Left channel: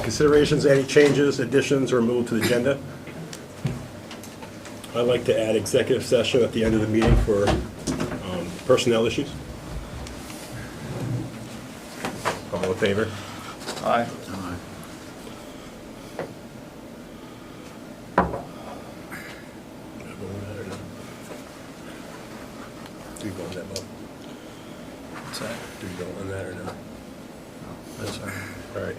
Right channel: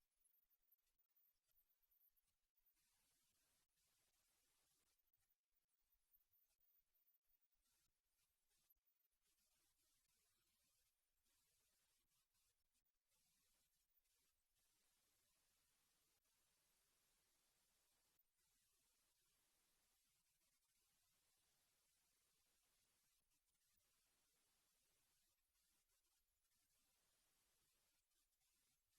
Considerations, any changes, additions, or move to the agenda? I'd like to add executive session at the end of the meeting for personnel issues. All in favor? Aye. Do you go on that, Bob? What's that? Do you go on that or no? That's all right. All right.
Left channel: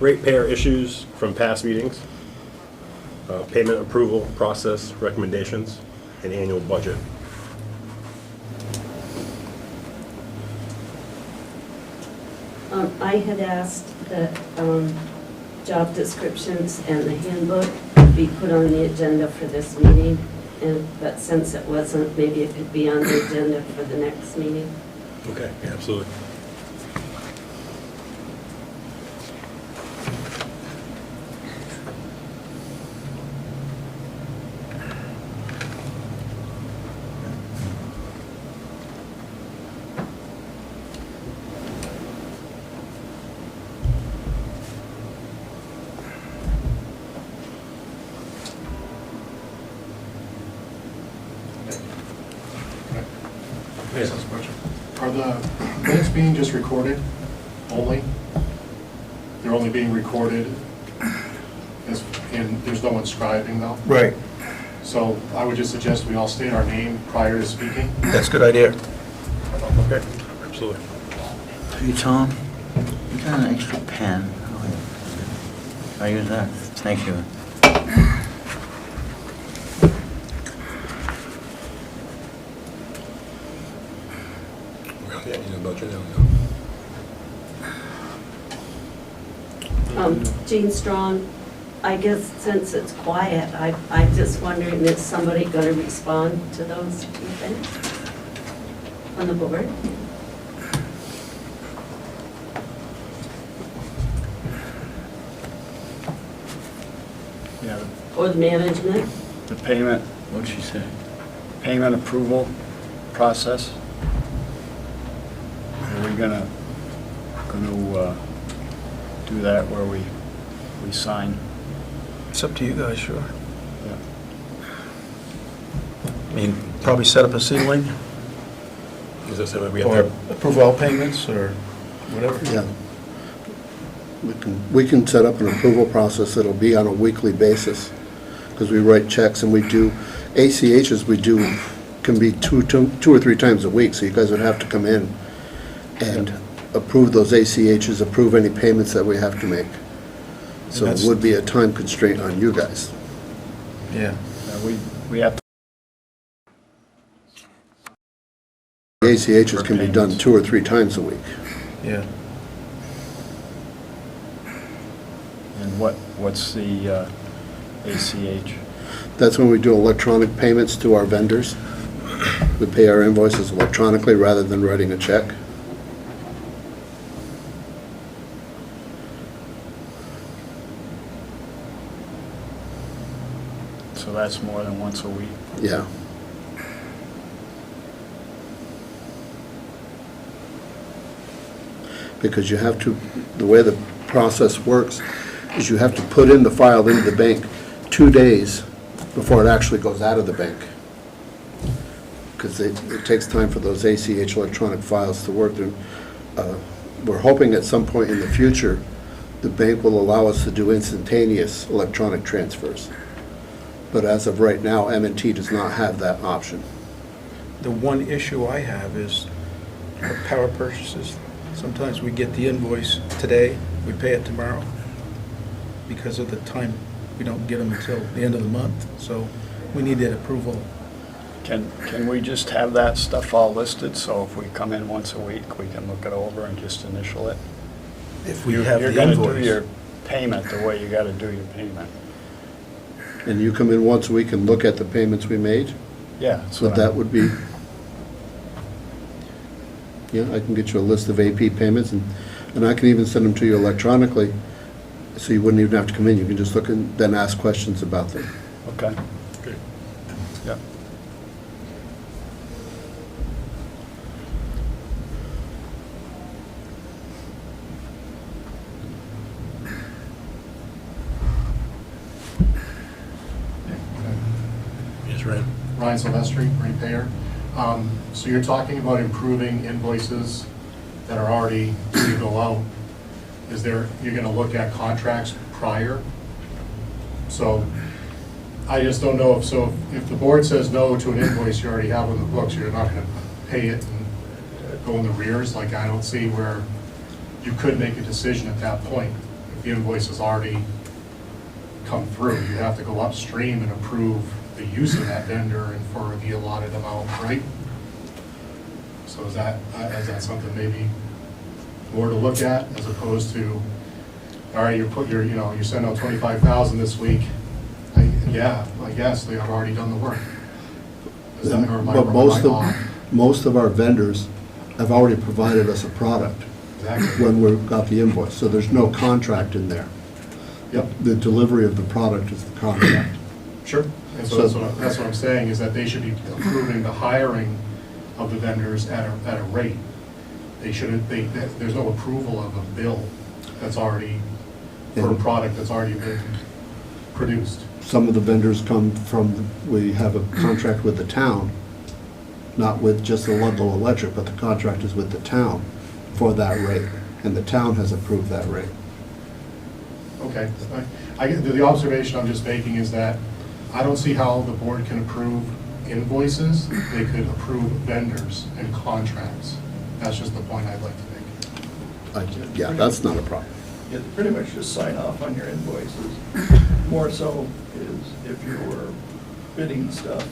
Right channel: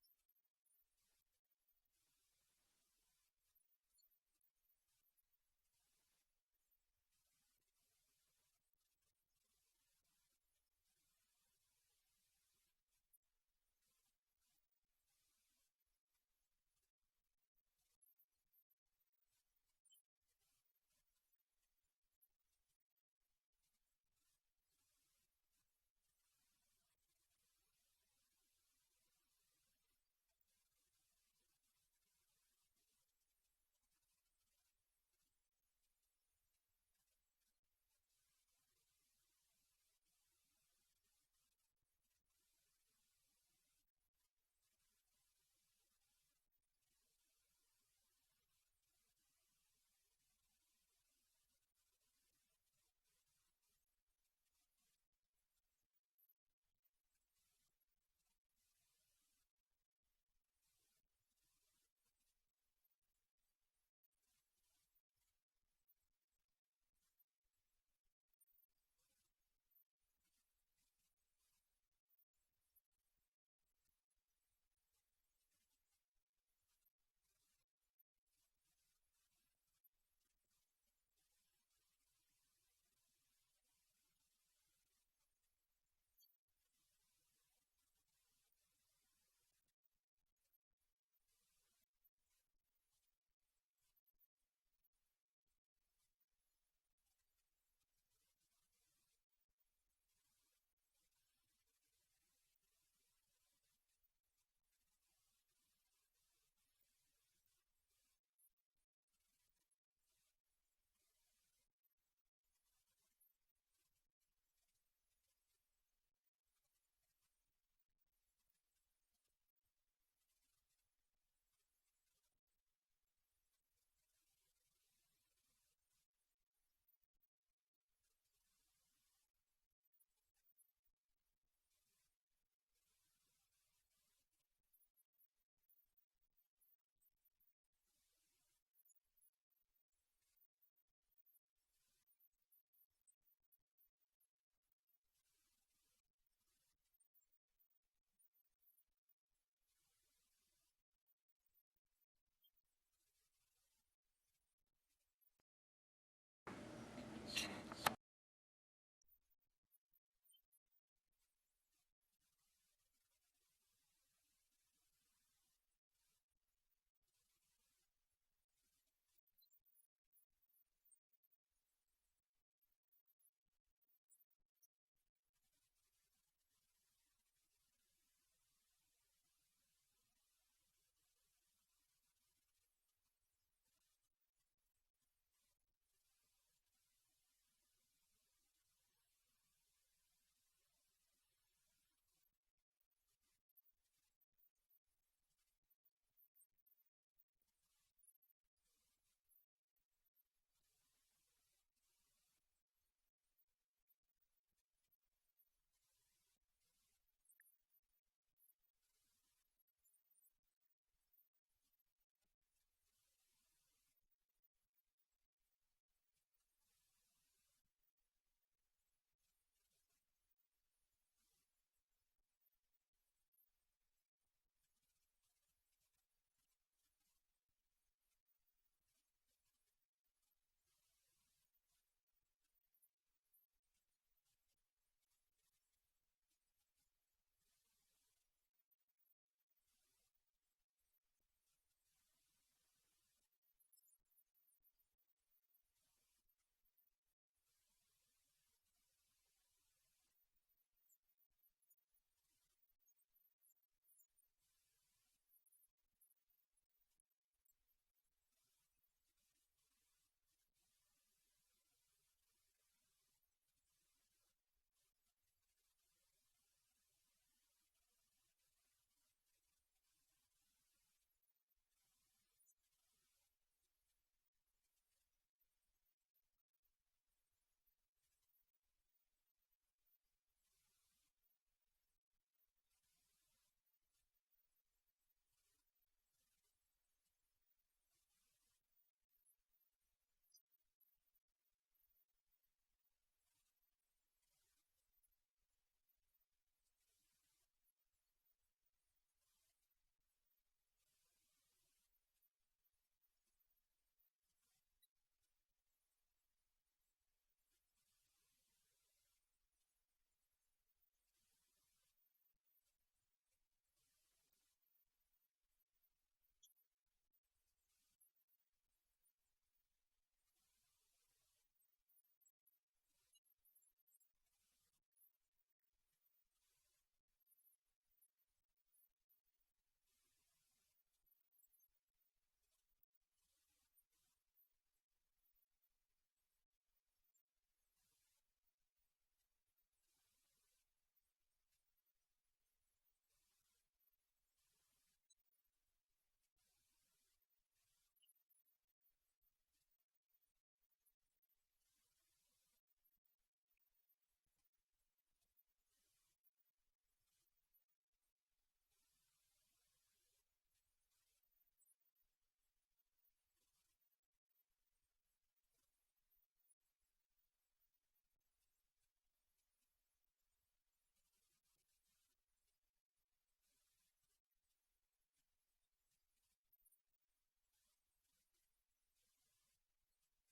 Ratepayer issues from past meetings, payment approval process recommendations, and annual budget. I had asked that job descriptions and the handbook be put on the agenda for this meeting, but since it wasn't, maybe it could be on the agenda for the next meeting. Okay, yeah, absolutely. Yes. Are the minutes being just recorded only? They're only being recorded, and there's no one scribing though? Right, So I would just suggest we all state our name prior to speaking. that's a good idea. Okay, absolutely. Hey, Tom, you got an extra pen? I use that. Thank you. Yeah, you know about your now. Jean Strong, I guess since it's quiet, I'm just wondering, is somebody going to respond to those two things on the board? Yeah, Or the management? the payment, What'd she say? payment approval process. Are we gonna do that where we sign? It's up to you guys, sure. Yeah. I mean, probably set up a ceiling, Is that something we have or to? approve all payments, or whatever. Yeah. We can set up an approval process that'll be on a weekly basis, because we write checks and we do, ACHs we do, can be two or three times a week, so you guys would have to come in and approve those ACHs, approve any payments that we have to make. So it would be a time constraint on you guys. Yeah. We have to. The ACHs can be done 2 or 3 times a week. Yeah. And what's the ACH? That's when we do electronic payments to our vendors. We pay our invoices electronically rather than writing a check. So that's more than once a week? Yeah. Because you have to, the way the process works is you have to put in the file into the bank 2 days before it actually goes out of the bank. Because it takes time for those ACH electronic files to work. We're hoping at some point in the future, the bank will allow us to do instantaneous electronic transfers. But as of right now, M&T does not have that option. The one issue I have is our power purchases. Sometimes we get the invoice today, we pay it tomorrow. Because of the time, we don't get them until the end of the month, so we need that approval. Can we just have that stuff all listed, so if we come in once a week, we can look it over and just initial it? If we have You're the gonna do invoice. your payment the way you gotta do your payment. And you come in once a week and look at the payments we made? Yeah. that's So what that I'm- would be, yeah, I can get you a list of AP payments, and I can even send them to you electronically, so you wouldn't even have to come in. You can just look and then ask questions about them. Okay. Good. Yeah. That's right. Ryan Silvestri, ratepayer. So you're talking about improving invoices that are already due to go out. You're gonna look at contracts prior? So I just don't know if the board says no to an invoice you already have on the books, you're not gonna pay it and go in the rears. Like, I don't see where you could make a decision at that point. If the invoice has already come through, you have to go upstream and approve the use of that vendor and for the allotted amount, right? So is that something maybe more to look at as opposed to, all right, you send out 25,000 this week. I guess they have already done the work. Is that, or am I But off? most of our vendors have already provided us a product Exactly. when we got the invoice, so there's no contract in there. Yep. The delivery of the product is the contract. Sure. And so that's what I'm saying, is that they should be approving the hiring of the vendors at a rate. They shouldn't, there's no approval of a bill that's already, for a product that's already been produced. Some of the vendors come from, we have a contract with the town, not with just the Ludlow Electric, but the contract is with the town for that rate, and the town has approved that rate. Okay. The observation I'm just making is that I don't see how the board can approve invoices. They could approve vendors and contracts. That's just the point I'd like to make. Yeah, that's not a problem. You pretty much just sign off on your invoices. More so is if you're bidding stuff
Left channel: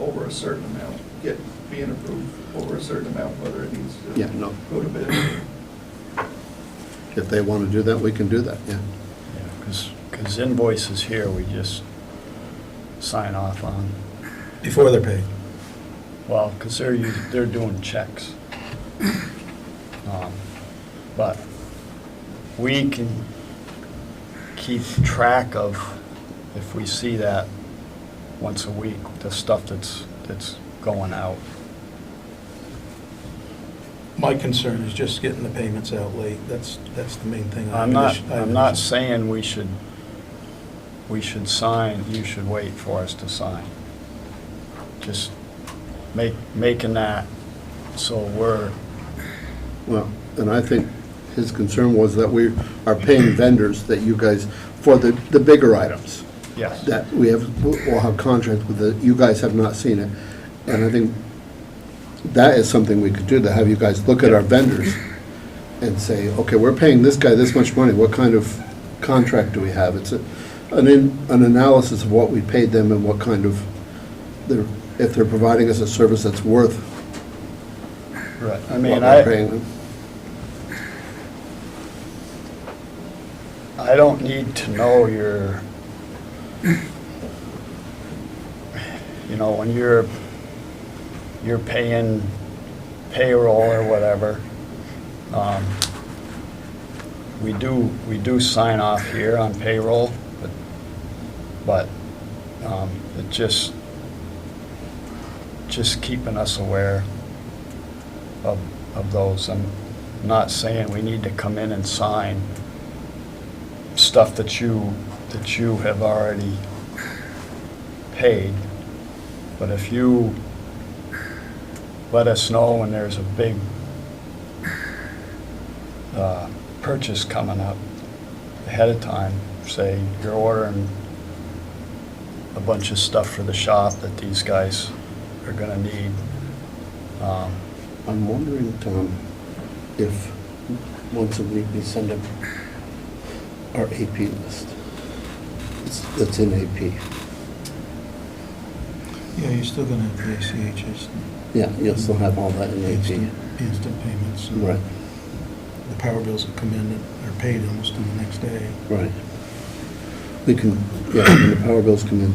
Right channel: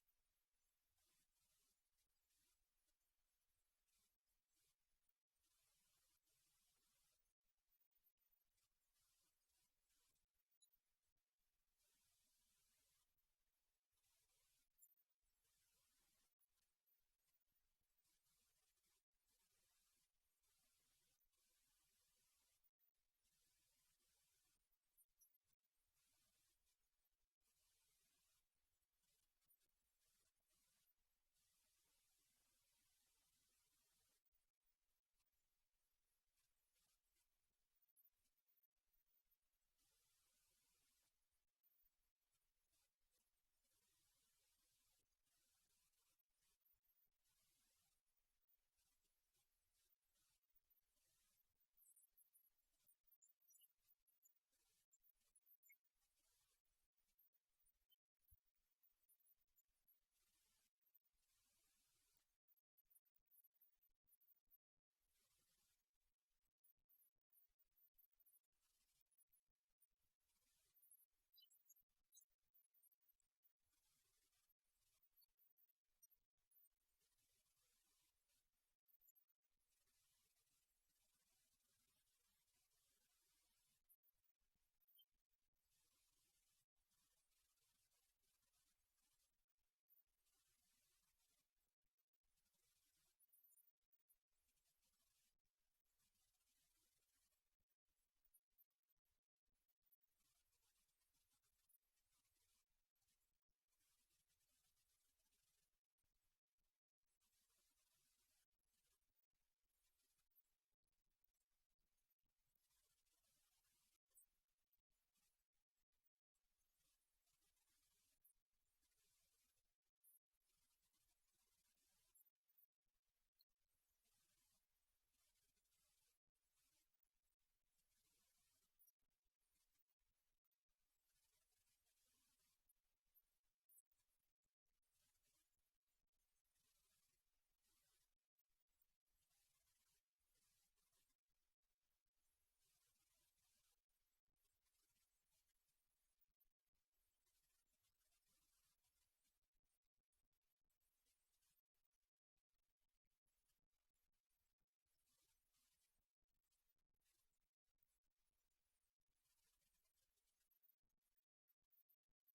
over a certain amount, being approved over a certain amount, whether it needs to Yeah, no. go to bid. If they want to do that, we can do that, yeah. Because invoices here, we just sign off on. Before they're paid. Well, because they're doing checks. But we can keep track of, if we see that once a week, the stuff that's going out. My concern is just getting the payments out late. That's the main thing. I'm not saying we should sign, you should wait for us to sign. Just making that so we're, Well, and I think his concern was that we are paying vendors that you guys, for the bigger items, yes. that we'll have contracts with, you guys have not seen it. And I think that is something we could do, to have you guys look at our vendors and say, okay, we're paying this guy this much money, what kind of contract do we have? It's an analysis of what we paid them and what kind of, if they're providing us a service that's worth Right. I what mean, we're paying them. I don't need to know when you're paying payroll or whatever. We do sign off here on payroll, but it just keeping us aware of those. I'm not saying we need to come in and sign stuff that you have already paid, but if you let us know when there's a big purchase coming up ahead of time, say you're ordering a bunch of stuff for the shop that these guys are gonna need. I'm wondering, Tom, if once a week we send them our AP list. That's in AP. Yeah, you're still gonna have the ACHs. Yeah, you'll still have all that in Instant AP. payments. Right, The power bills will come in and are paid almost on the next day. right. We can, yeah, when the power bills come in,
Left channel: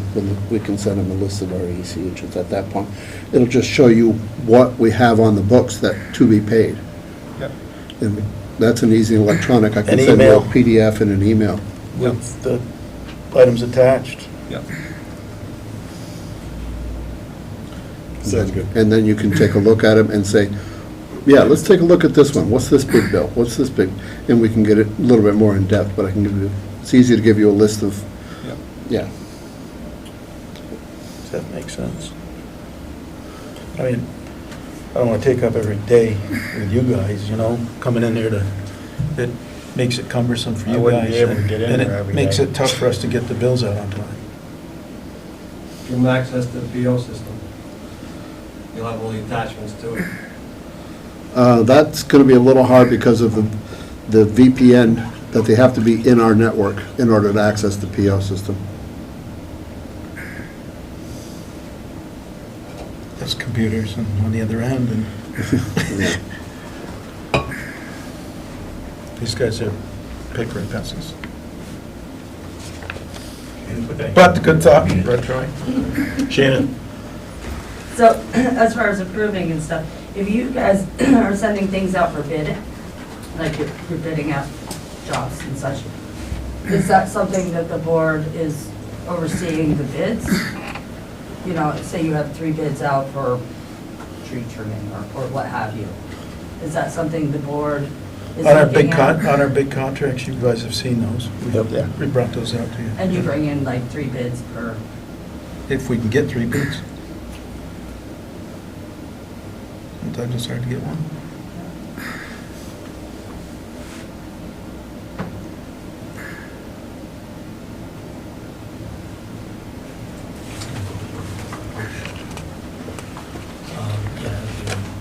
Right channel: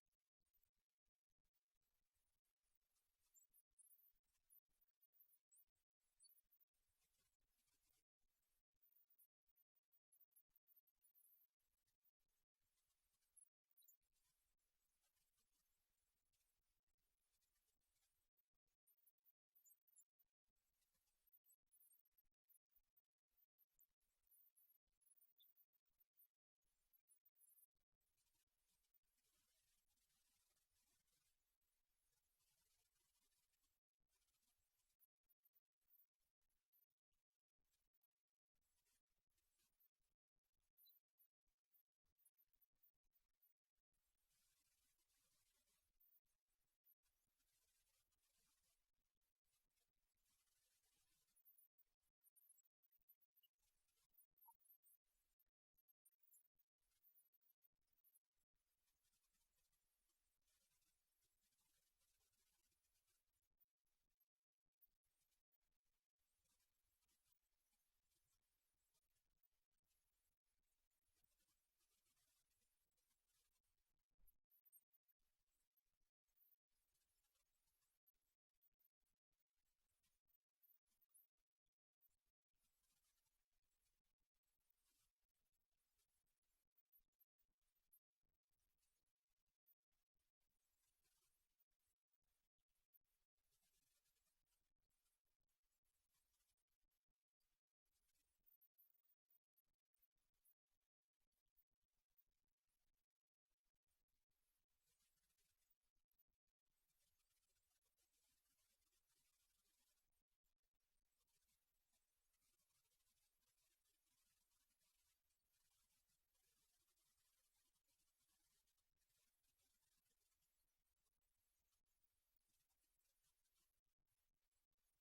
we can send them a list of our ACHs at that point. It'll just show you what we have on the books that to be paid. Yep. And that's an easy electronic. I can An send you a email. PDF and an email. With the items attached. Yep. Sounds good. And then you can take a look at them and say, yeah, let's take a look at this one. What's this big bill? What's this big? And we can get it a little bit more in depth, but I can give you, it's easy to give you a list of, Yep. yeah. Does that make sense? I mean, I don't want to take up every day with you guys, you know, coming in there to, it makes it cumbersome for I you wouldn't guys. be able to get in and there every it makes day. it tough for us to get the bills out on time. Give them access to the PO system. You'll have all the attachments to it. That's gonna be a little hard because of the VPN, that they have to be in our network in order to access the PO system. There's computers and on the other end, and Yeah. these guys are paper and pencils. But good thought, Troy. Shannon? So, as far as approving and stuff, if you guys are sending things out for bid, like you're bidding out jobs and such, is that something that the board is overseeing the bids? You know, say you have 3 bids out for tree trimming or what have you. Is that something the board is On our looking big at? on our big contracts, you guys have seen those. Yep. Yeah. We brought those out to you. And you bring in like 3 bids per, If we can get 3 bids. Sometimes it's hard to get one.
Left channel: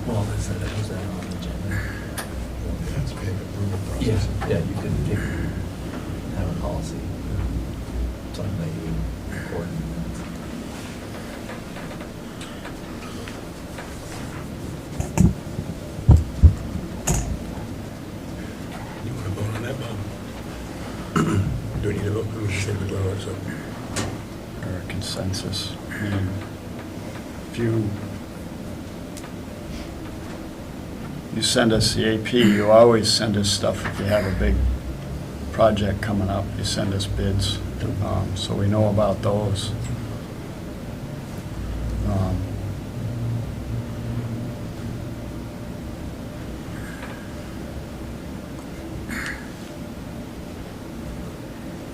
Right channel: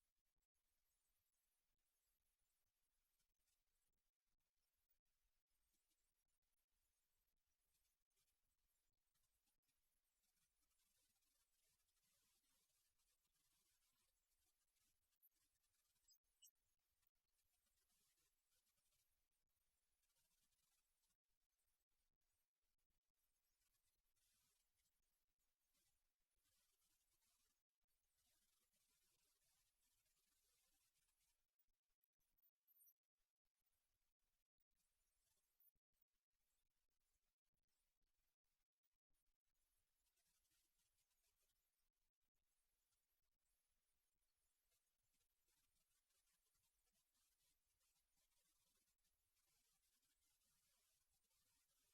Well, is that on the agenda? Yeah, you could have a policy, something that you would record in minutes. You want to vote on that, Bob? Do we need to vote? We should say we vote on it, so. Or a consensus. I mean, if you send us the AP, you always send us stuff if you have a big project coming up, you send us bids, so we know about those.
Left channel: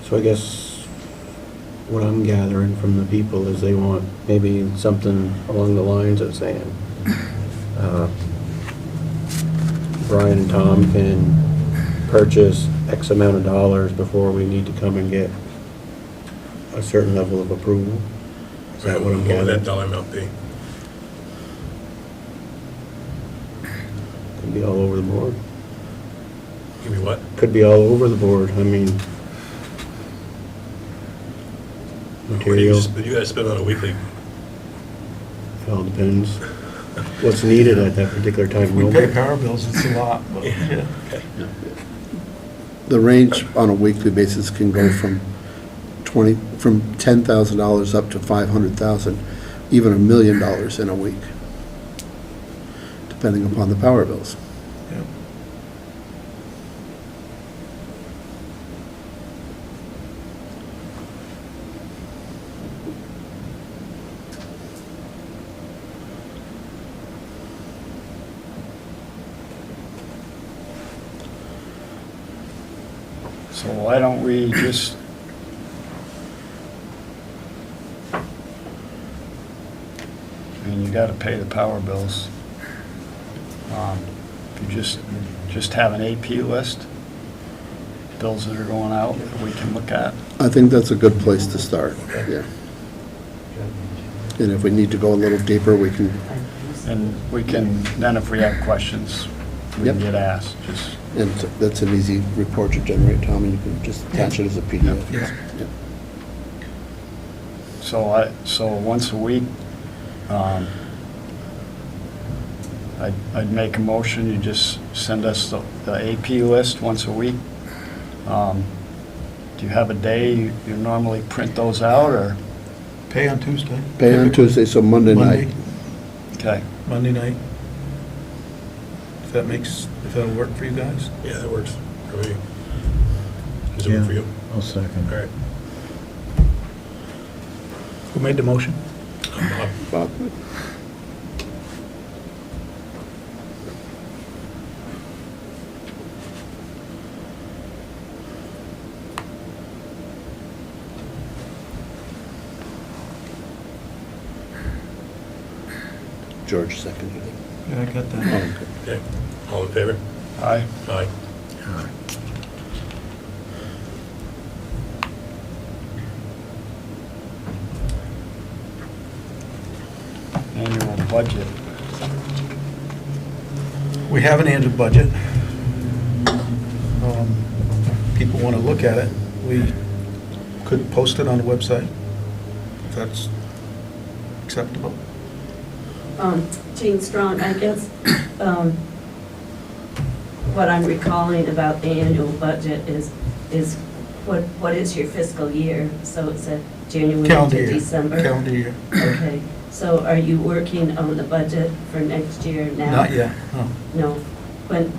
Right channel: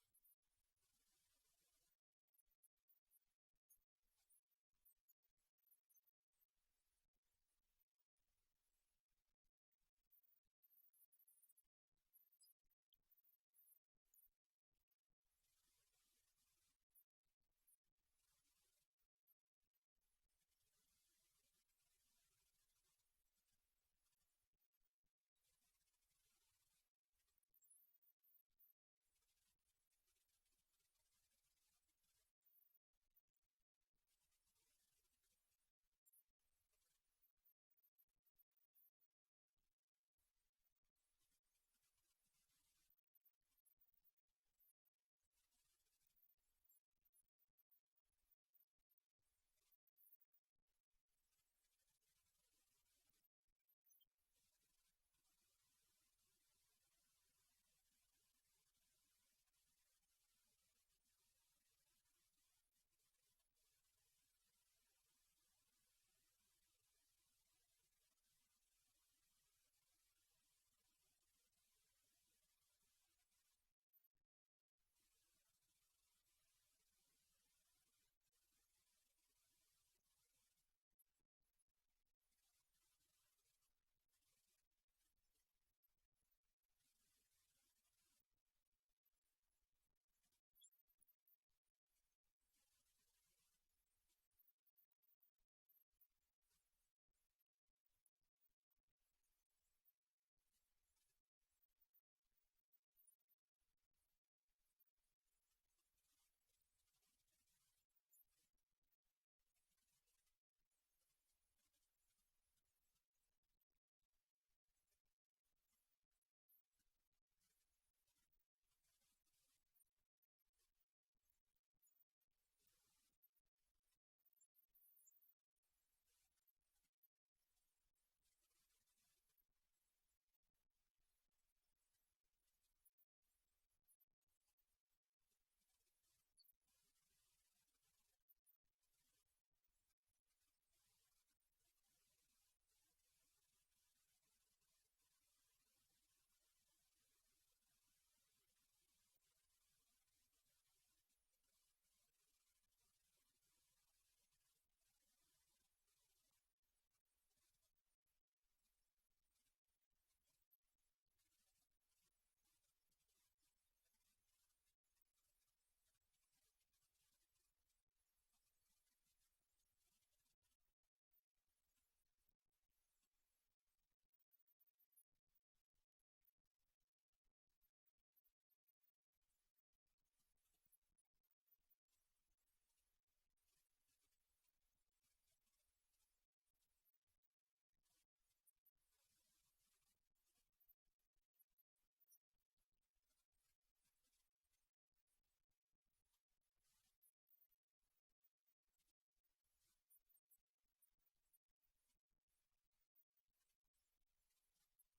So I guess what I'm gathering from the people is they want maybe something along the lines of saying, Brian and Tom can purchase X amount of dollars before we need to come and get a certain level of approval. Is that what I'm What would that gathering? dollar amount be? Could be all over the board. Give me what? Could be all over the board. I mean, What do you materials, guys spend on a weekly? it all depends what's needed at that particular time. If we pay power bills, it's a lot, but, yeah. The range on a weekly basis can go from $10,000 up to $500,000, even $1 million in a week, depending upon the power bills. Yeah. So why don't we just, I mean, you gotta pay the power bills. If you just have an AP list, bills that are going out that we can look at. I think that's a good place to start, yeah. And if we need to go a little deeper, we can, And we can, then if we have questions, we can Yep. get asked, just, and that's an easy report to generate, Tom, and you can just attach it as a PDF. Yeah. Yeah. so once a week, I'd make a motion, you just send us the AP list once a week. Do you have a day you normally print those out, or? Pay on Tuesday. Pay on Tuesday, so Monday night. Okay. Monday night. If that'll work for you guys? Yeah, that works for me. Does it work for you? I'll second. All right. Who made the motion? Bob. Bob? George seconded it. Yeah, I got Oh, that. okay. Okay, all in favor? Aye. Aye. Annual budget. We have an annual budget. People want to look at it. We could post it on the website, if that's acceptable. Jean Strong, I guess, what I'm recalling about the annual budget is what is your fiscal year? So it's a January Calendar to year. December? Calendar year. Okay, so are you working on the budget for next year now? Not yet, no. No.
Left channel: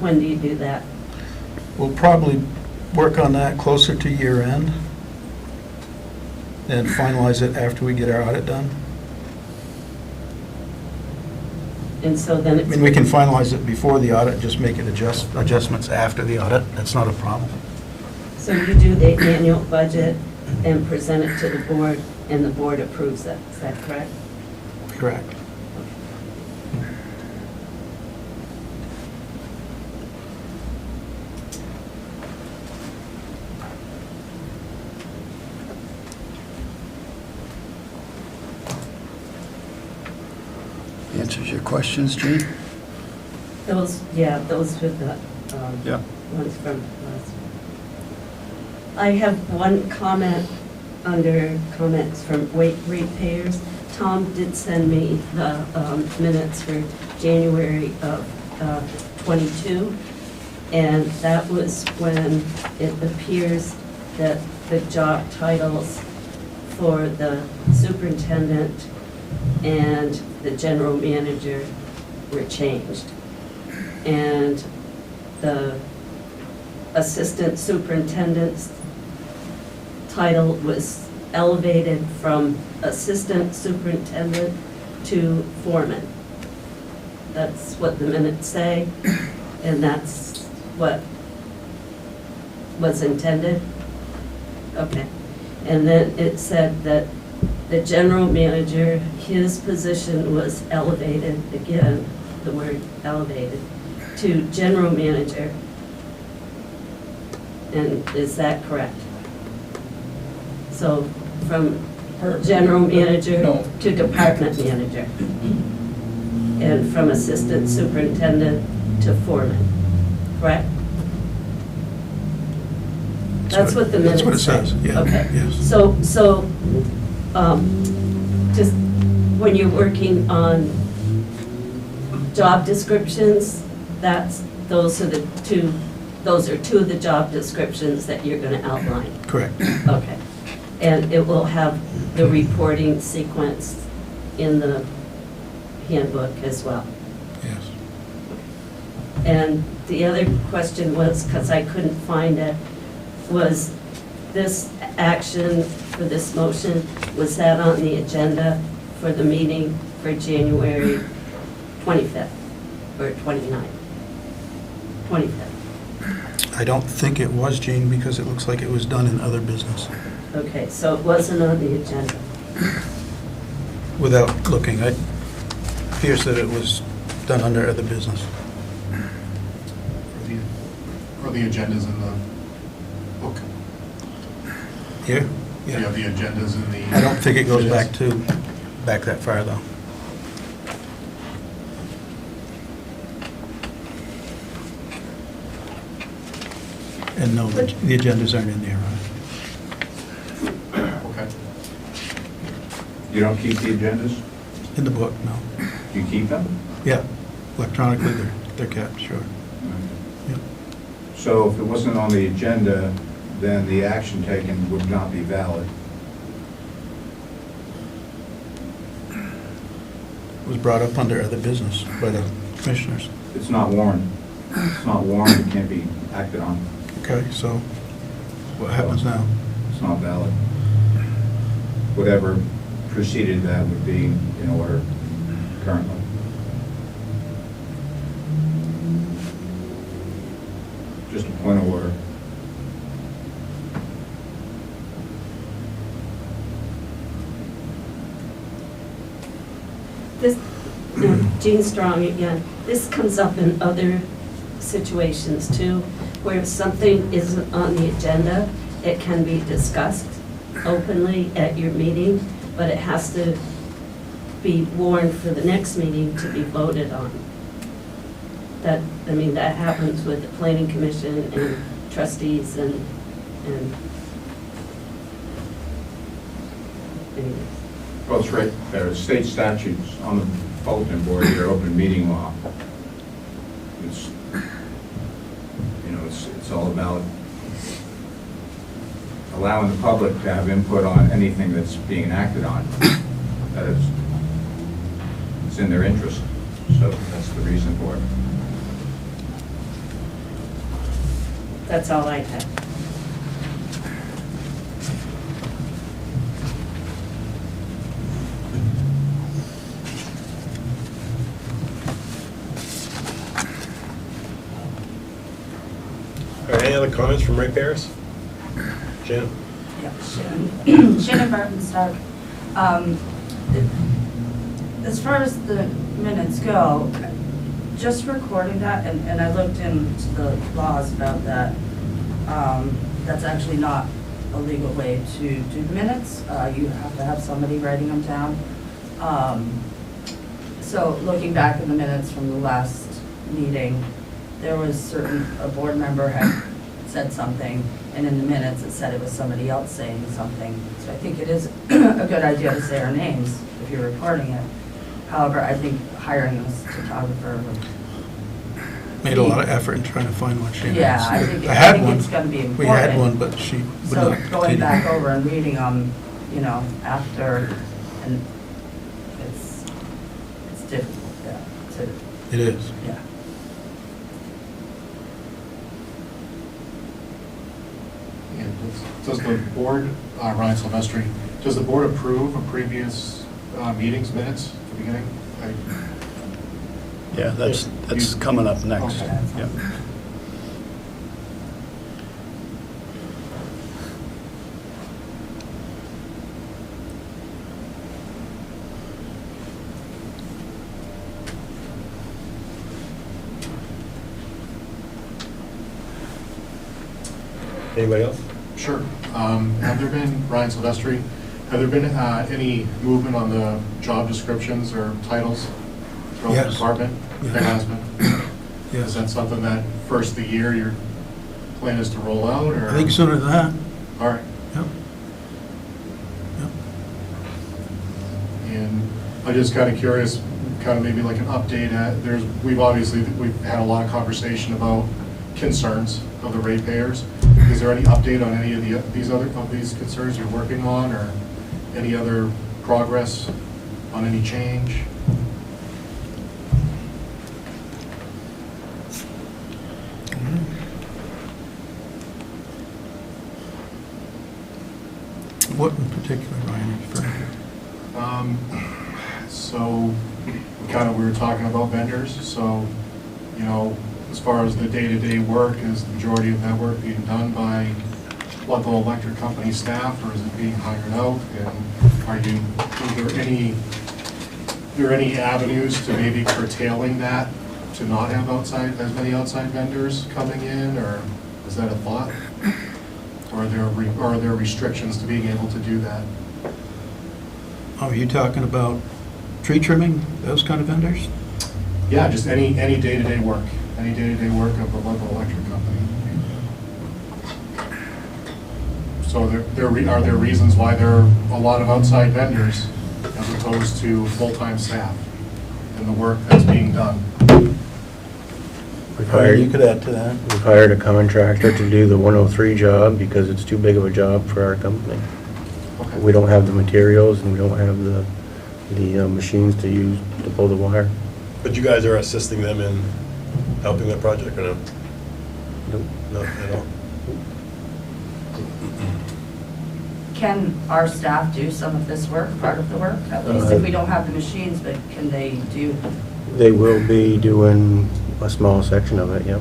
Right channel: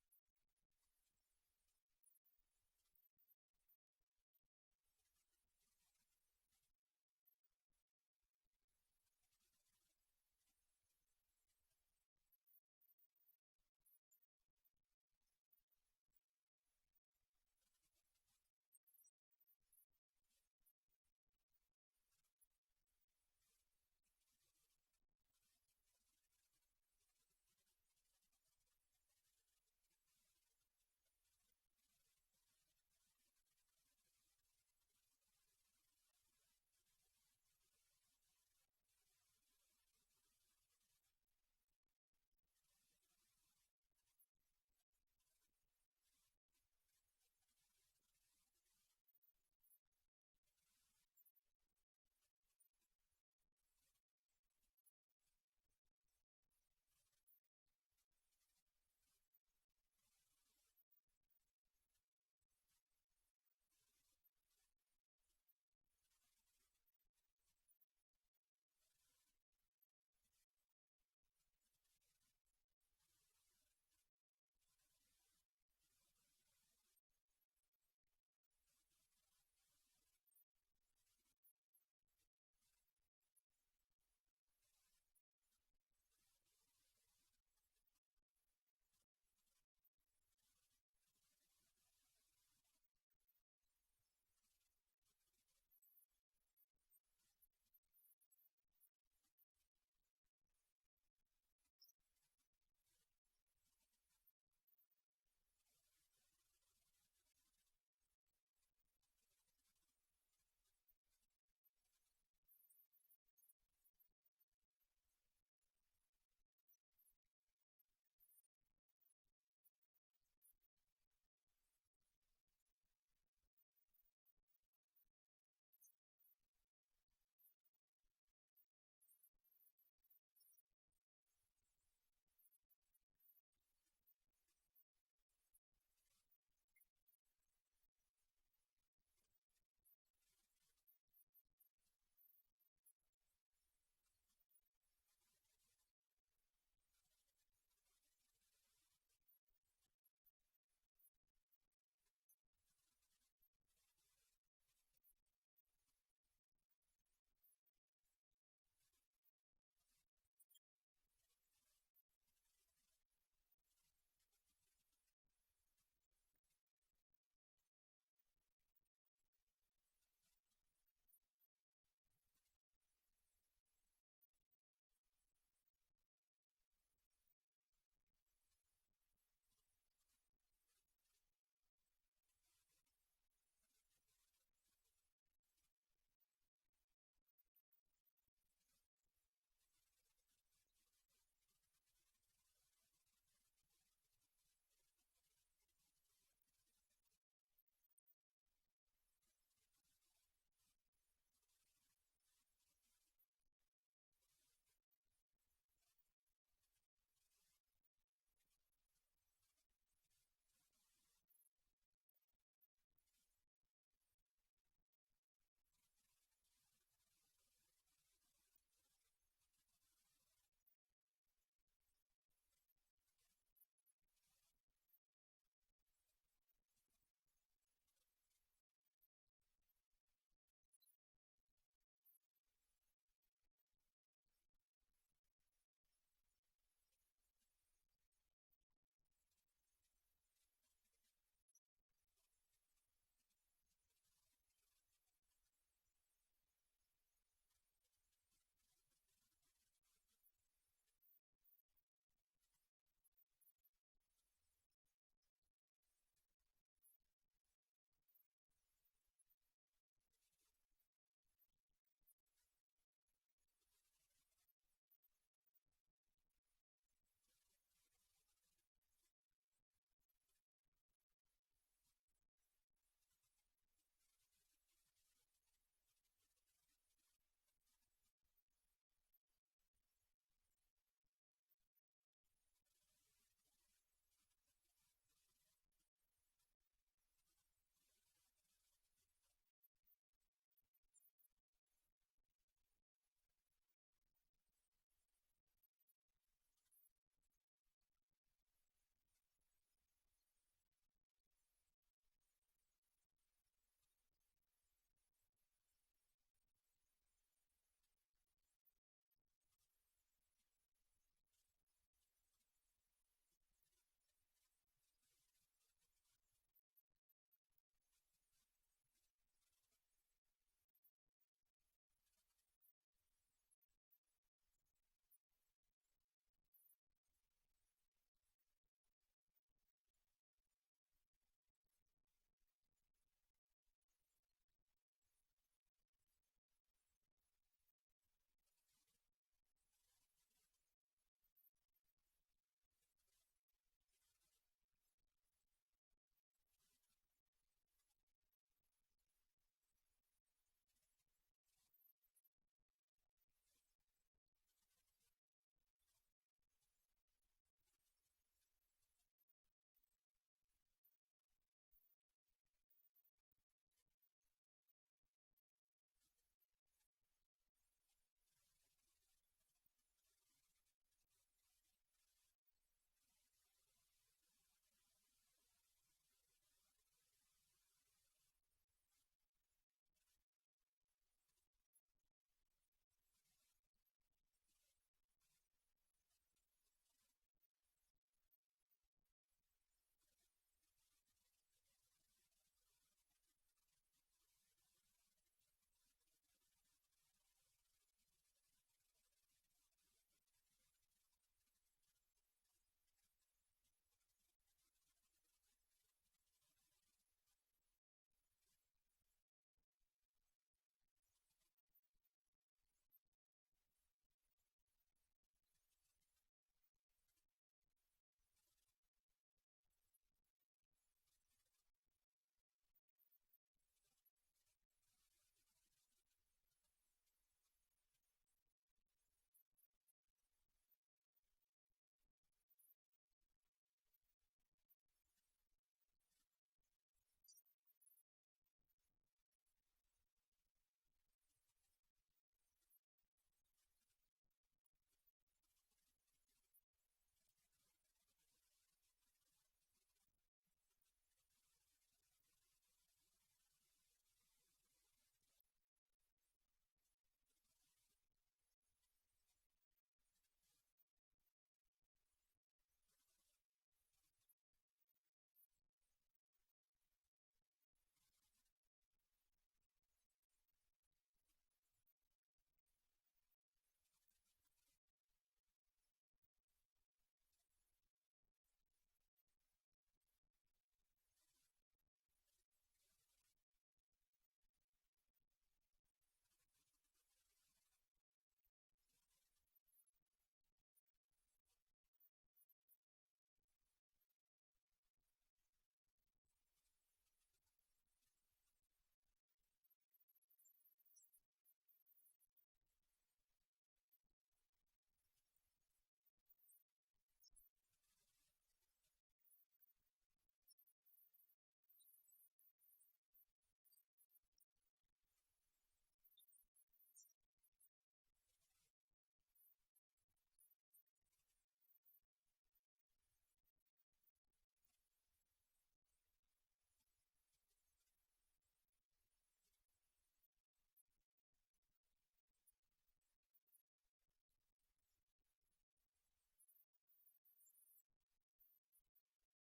When do you do that? We'll probably work on that closer to year end and finalize it after we get our audit done. And so then I it's. mean, we can finalize it before the audit, just make it adjustments after the audit. That's not a problem. So you do the annual budget and present it to the board, and the board approves it, is that correct? Correct. Answers your questions, Gene? Those were the Yeah. ones from last. I have one comment under comments from ratepayers. Tom did send me the minutes for January of '22, and that was when it appears that the job titles for the superintendent and the general manager were changed. And the assistant superintendent's title was elevated from assistant superintendent to foreman. That's what the minutes say, and that's what was intended. Okay. And then it said that the general manager, his position was elevated, again, the word elevated, to general manager. And is that correct? So from general manager to department manager. And from assistant superintendent to foreman, correct? That's what the minutes say. That's what it says, yeah. Okay. Yes. So, just when you're working on job descriptions, those are two of the job descriptions that you're gonna outline. Correct. Okay. And it will have the reporting sequence in the handbook as well. Yes. And the other question was, because I couldn't find it, was this action for this motion, was that on the agenda for the meeting for January 25th or 29th? 25th. I don't think it was, Gene, because it looks like it was done in other business. Okay, so it wasn't on the agenda. Without looking, it appears that it was done under other business. Or the agendas in the book? Here? Do you have the agendas in the? I don't think it goes back that far, though. And no, the agendas aren't in there, right? Okay. You don't keep the agendas? In the book, no. You keep them? Yeah, electronically, they're kept, sure. Yeah. So if it wasn't on the agenda, then the action taken would not be valid. It was brought up under other business by the commissioners. It's not warned. It's not warned, it can't be acted on. Okay, so what happens now? It's not valid. Whatever preceded that would be in order currently. Just a point of order. This, Gene Strong again. This comes up in other situations too, where if something isn't on the agenda, it can be discussed openly at your meeting, but it has to be warned for the next meeting to be voted on. That, I mean, that happens with the planning commission and trustees and anyways. Well, it's right, there are state statutes on the bulletin board here, open meeting law. It's, you know, it's all about allowing the public to have input on anything that's being acted on. That is, it's in their interest, so that's the reason for it. That's all I have. All right, any other comments from ratepayers? Jan? Yeah, Shannon Barton Stark. As far as the minutes go, just recording that, and I looked into the laws about that, that's actually not a legal way to do minutes. You have to have somebody writing them down. So looking back in the minutes from the last meeting, there was a board member had said something, and in the minutes it said it was somebody else saying something. So I think it is a good idea to say our names if you're recording it. However, I think hiring a photographer would. Made a lot of effort in trying to find one. She Yeah, has. I think had one. it's gonna be important. We had one, but she would So not going continue. back over and reading them, you know, after, and it's difficult, yeah, It is. yeah. And does the board, Ryan Silvestri, does the board approve of previous meetings minutes at the beginning? Yeah, that's coming up next. Okay. Yeah. Anybody else? Sure. Have there been, Ryan Silvestri, have there been any movement on the job descriptions or titles throughout the Yes. department? Yes. There has been? Yes. Is that something that first of the year your plan is to roll out, or? I think sooner than that. All right. Yep. Yep. And I'm just kind of curious, kind of maybe like an update. We've had a lot of conversation about concerns of the ratepayers. Is there any update on any of these concerns you're working on, or any other progress on any change? What in particular, Ryan, are you referring to? So, we were talking about vendors, so, you know, as far as the day-to-day work, is the majority of that work being done by Ludlow Electric Company staff, or is it being hired out? And are there any avenues to maybe curtailing that, to not have as many outside vendors coming in, or is that a thought? Or are there restrictions to being able to do that? Are you talking about tree trimming, those kind of vendors? Yeah, just any day-to-day work, of the Ludlow Electric Company. So are there reasons why there are a lot of outside vendors as opposed to full-time staff in the work that's being done? You could add to that. We've hired a contractor to do the 103 job because it's too big of a job for our company. Okay. We don't have the materials and we don't have the machines to use to pull the wire. But you guys are assisting them in helping that project, or no? Nope. Not at all? Can our staff do some of this work, part of the work, at least if we don't have the machines, but can they do? They will be doing a small section of it, yep.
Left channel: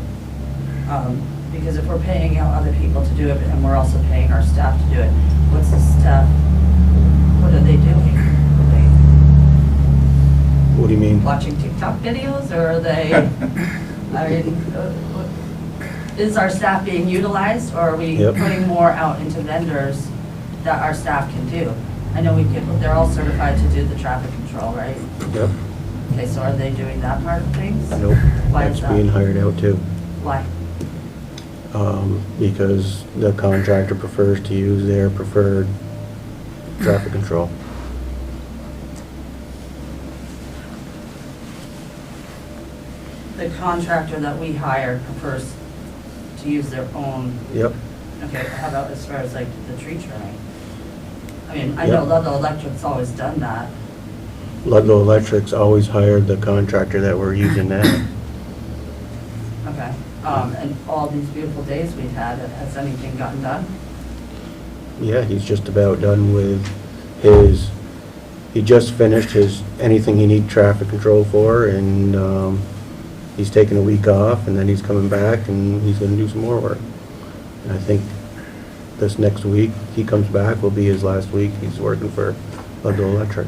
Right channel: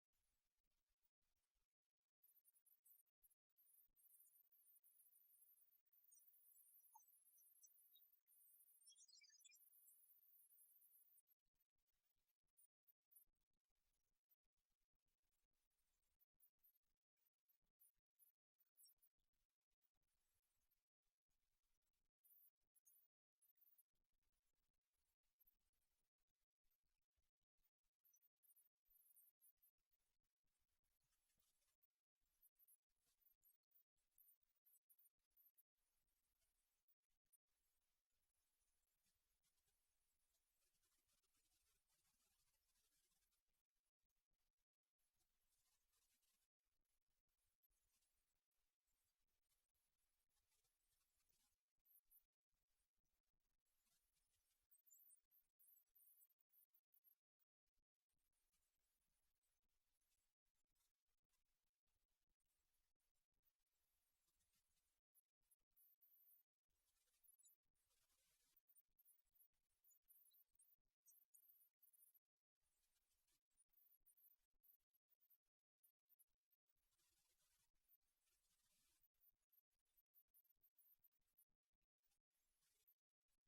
Because if we're paying out other people to do it, and we're also paying our staff to do it, what's the staff, what are they doing? What do you mean? watching TikTok videos, or are they, I mean, is our staff being utilized, or are we Yep. putting more out into vendors that our staff can do? I know they're all certified to do the traffic control, right? Yep, Okay, so are they doing that part of things? nope, Why that's is that? being hired out too. Why? Because the contractor prefers to use their preferred traffic control. The contractor that we hire prefers to use their own, Yep, okay, how about as far as like the tree trimming? I mean, I know Yep. Ludlow Electric's always done that. Ludlow Electric's always hired the contractor that we're using now. Okay, and all these beautiful days we've had, has anything gotten done? Yeah, he's just about done with his, he just finished his, anything he need traffic control for, and, he's taking a week off, and then he's coming back, and he's gonna do some more work. And I think this next week, he comes back, will be his last week, he's working for Ludlow Electric.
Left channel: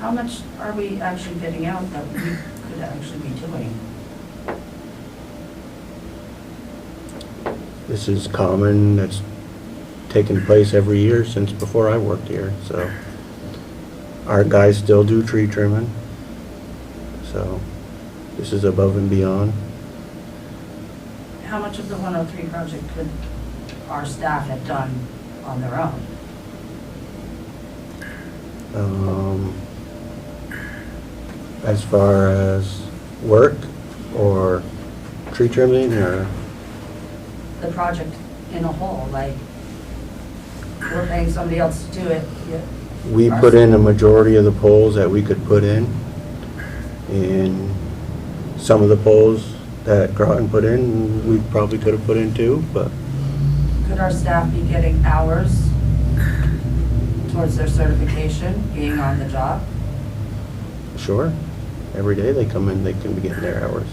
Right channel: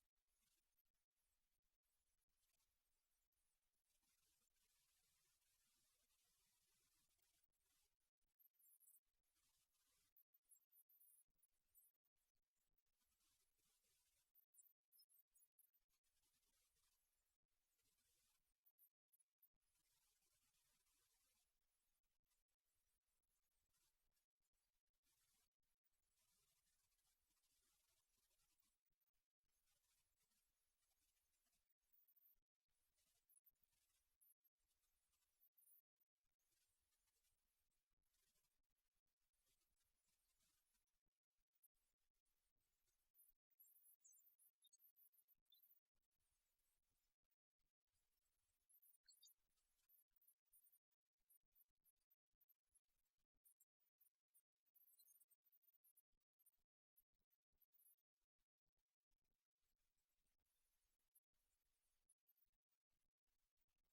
How much are we actually bidding out that we could actually be doing? This is common, that's taken place every year since before I worked here, so. Our guys still do tree trimming, so this is above and beyond. How much of the 103 project could our staff have done on their own? As far as work or tree trimming or, The project in a whole, like, we're paying somebody else to do it, yeah. we put in a majority of the poles that we could put in. And some of the poles that Groton put in, we probably could have put in too, but Could our staff be getting hours towards their certification, being on the job? sure. Every day they come in, they can be getting their hours.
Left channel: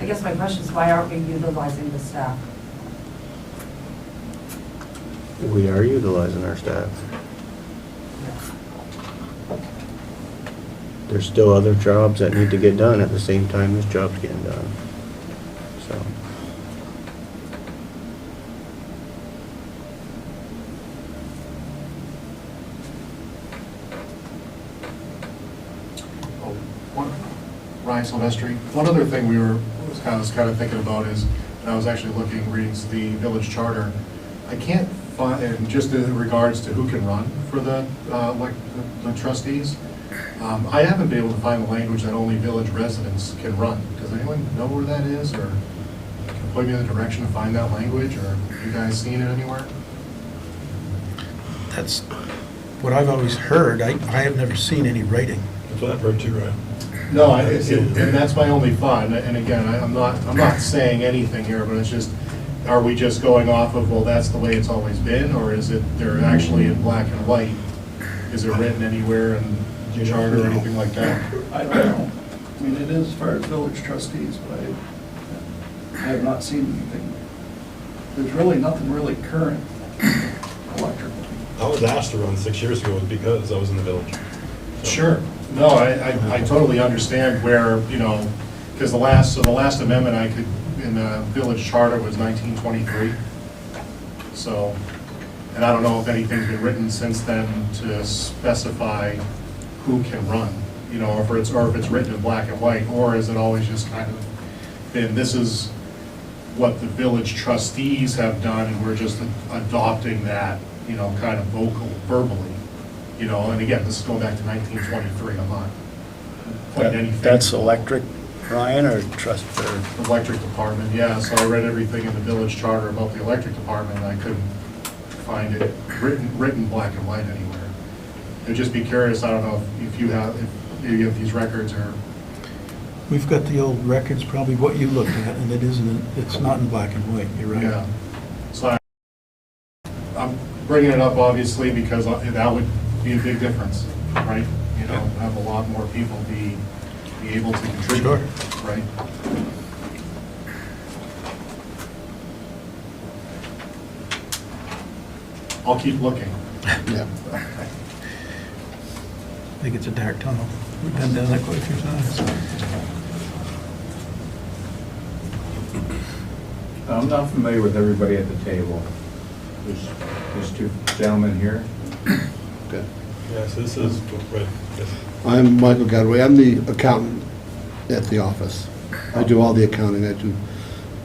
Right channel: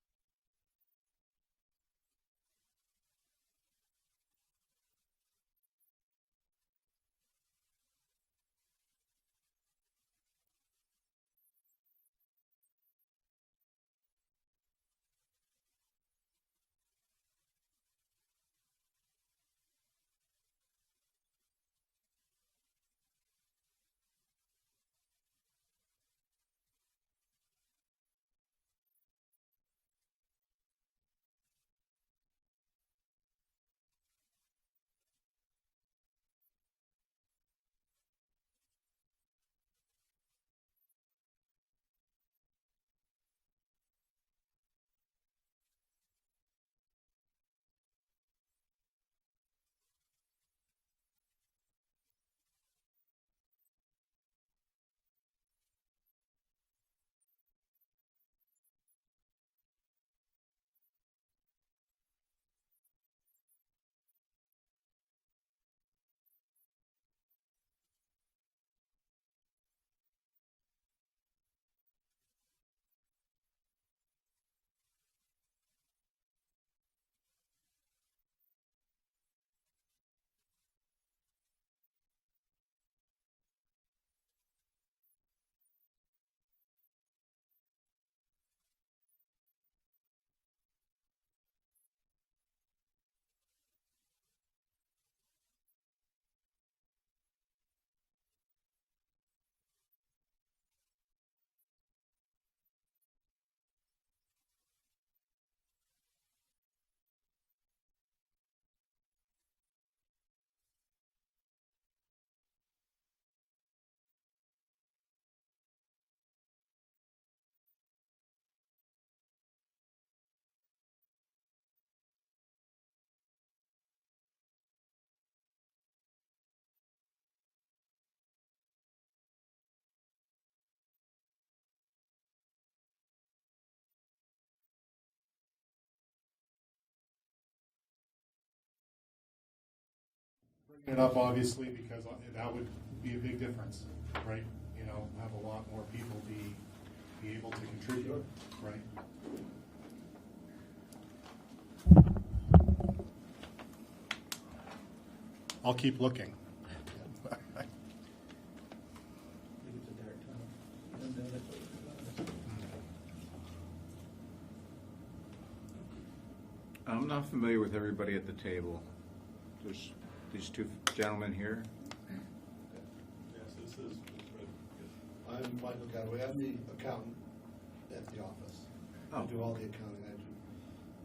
I guess my question is, why aren't we utilizing the staff? We are utilizing our staff. There's still other jobs that need to get done at the same time this job's getting done, so. Oh, Ryan Silvestri, one other thing I was kind of thinking about is, and I was actually reading the village charter, I can't find, and just in regards to who can run for the trustees, I haven't been able to find the language that only village residents can run. Does anyone know where that is, or can point me in the direction to find that language, or have you guys seen it anywhere? That's what I've always heard. I have never seen any writing. That's what I've heard too, right? No, and that's my only thought, and again, I'm not saying anything here, but it's just, are we just going off of, well, that's the way it's always been, or is it, they're actually in black and white? Is it written anywhere in the charter or anything like that? I don't know. I mean, it is as far as village trustees, but I have not seen anything. There's really nothing really current electrical. I was asked to run 6 years ago because I was in the village. So. Sure. No, I totally understand where, because the last amendment I could, in the village charter was 1923. So, and I don't know if anything's been written since then to specify who can run, or if it's written in black and white, or is it always just kind of been, this is what the village trustees have done, and we're just adopting that, kind of verbally. And again, this is going back to 1923, I'm not pointing anything. That's electric, Ryan, or trust, or? Electric department, yeah, so I read everything in the village charter about the electric department, and I couldn't find it written black and white anywhere. I'd just be curious, I don't know if you have these records, or. We've got the old records, probably what you looked at, and it's not in black and white, you're right. Yeah, so I'm bringing it up obviously because that would be a big difference, right? Have a lot more people be able to contribute, Sure. right? I'll keep looking. Yeah. I think it's a dark tunnel. We've been down that quite a few times. I'm not familiar with everybody at the table. There's two gentlemen here. Okay. Yeah, so this is, right, yes. I'm Michael Gadway. I'm the accountant at the office. I do all the accounting.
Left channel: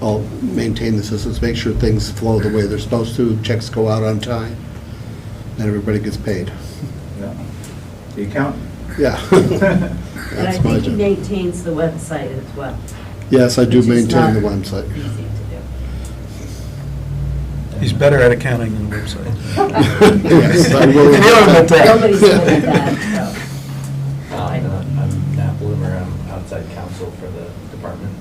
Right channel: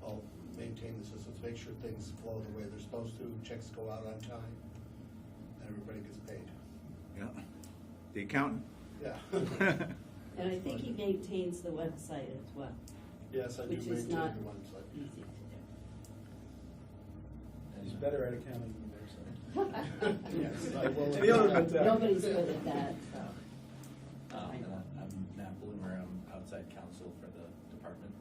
I'll maintain the systems, make sure things flow the way they're supposed to, checks go out on time, and everybody gets paid. Yeah. The accountant. Yeah. And I That's my think he job. maintains the website as well. Yes, I do which is maintain the not website. Easy to do. He's better at accounting than the website. Yes, I will. Nobody's good at that, so. I'm Matt Bloomer, I'm outside counsel for the department.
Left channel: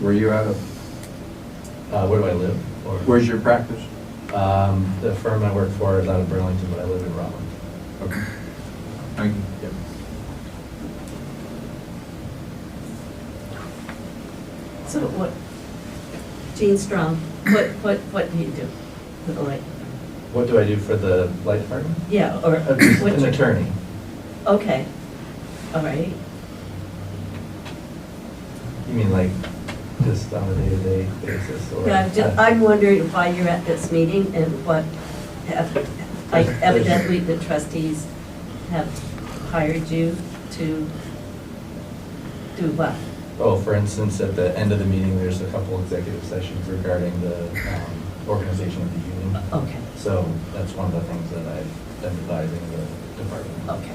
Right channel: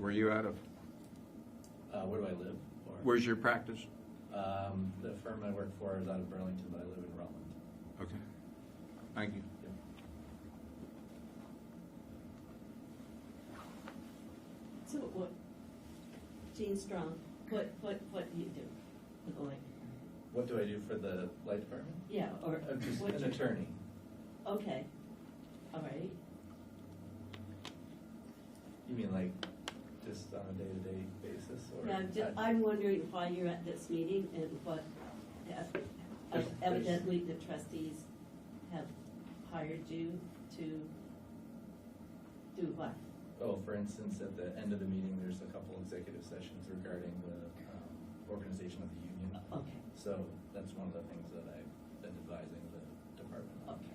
Where you out of? Where do I live? Or- Where's your practice? The firm I work for is out of Burlington, but I live in Rutland. Okay. Thank you. Yep. So what, Gene Strong, what do you do for the light? What do I do for the light department? Yeah, or An what? attorney. Okay, all right. You mean like just on a day-to-day basis or? Yeah, I'm wondering why you're at this meeting and what, like evidently the trustees have hired you to do what? Oh, for instance, at the end of the meeting, there's a couple executive sessions regarding the organization of the union. Okay, So that's one of the things that I've been advising the department. okay.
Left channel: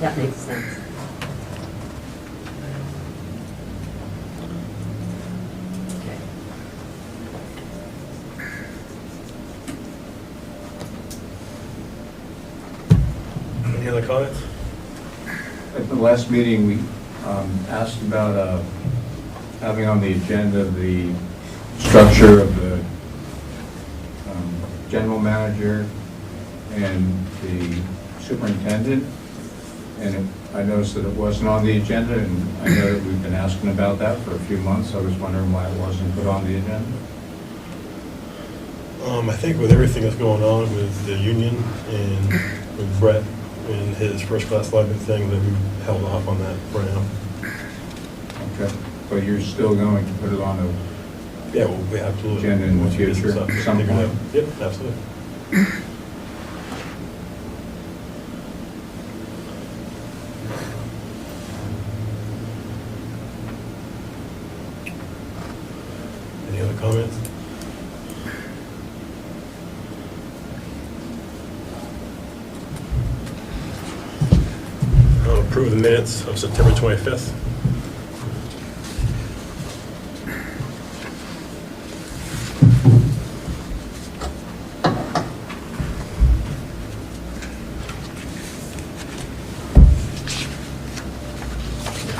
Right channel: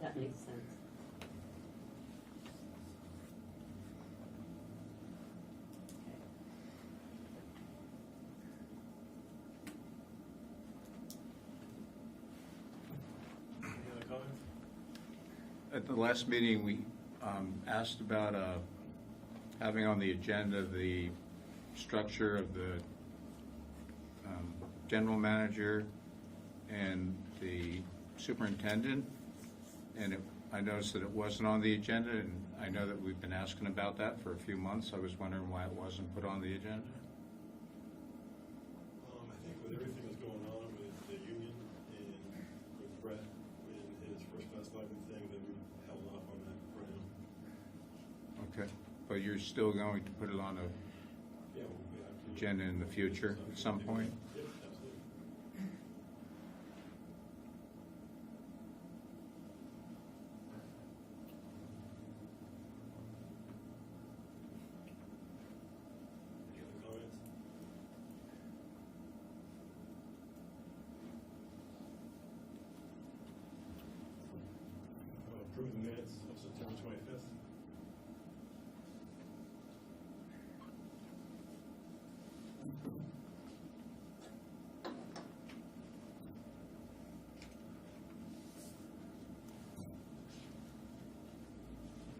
That makes sense. Okay. Any other comments? At the last meeting, we asked about having on the agenda the structure of the general manager and the superintendent. And I noticed that it wasn't on the agenda, and I know that we've been asking about that for a few months. I was wondering why it wasn't put on the agenda. I think with everything that's going on with the union and with Brett and his first-class lineman thing, that we held off on that for now. Okay. But you're still going to put it on the Yeah, well, we absolutely. agenda in the Once we get future, something some figured out. point? Yep, absolutely. Any other comments? I'll approve the minutes of September 25th.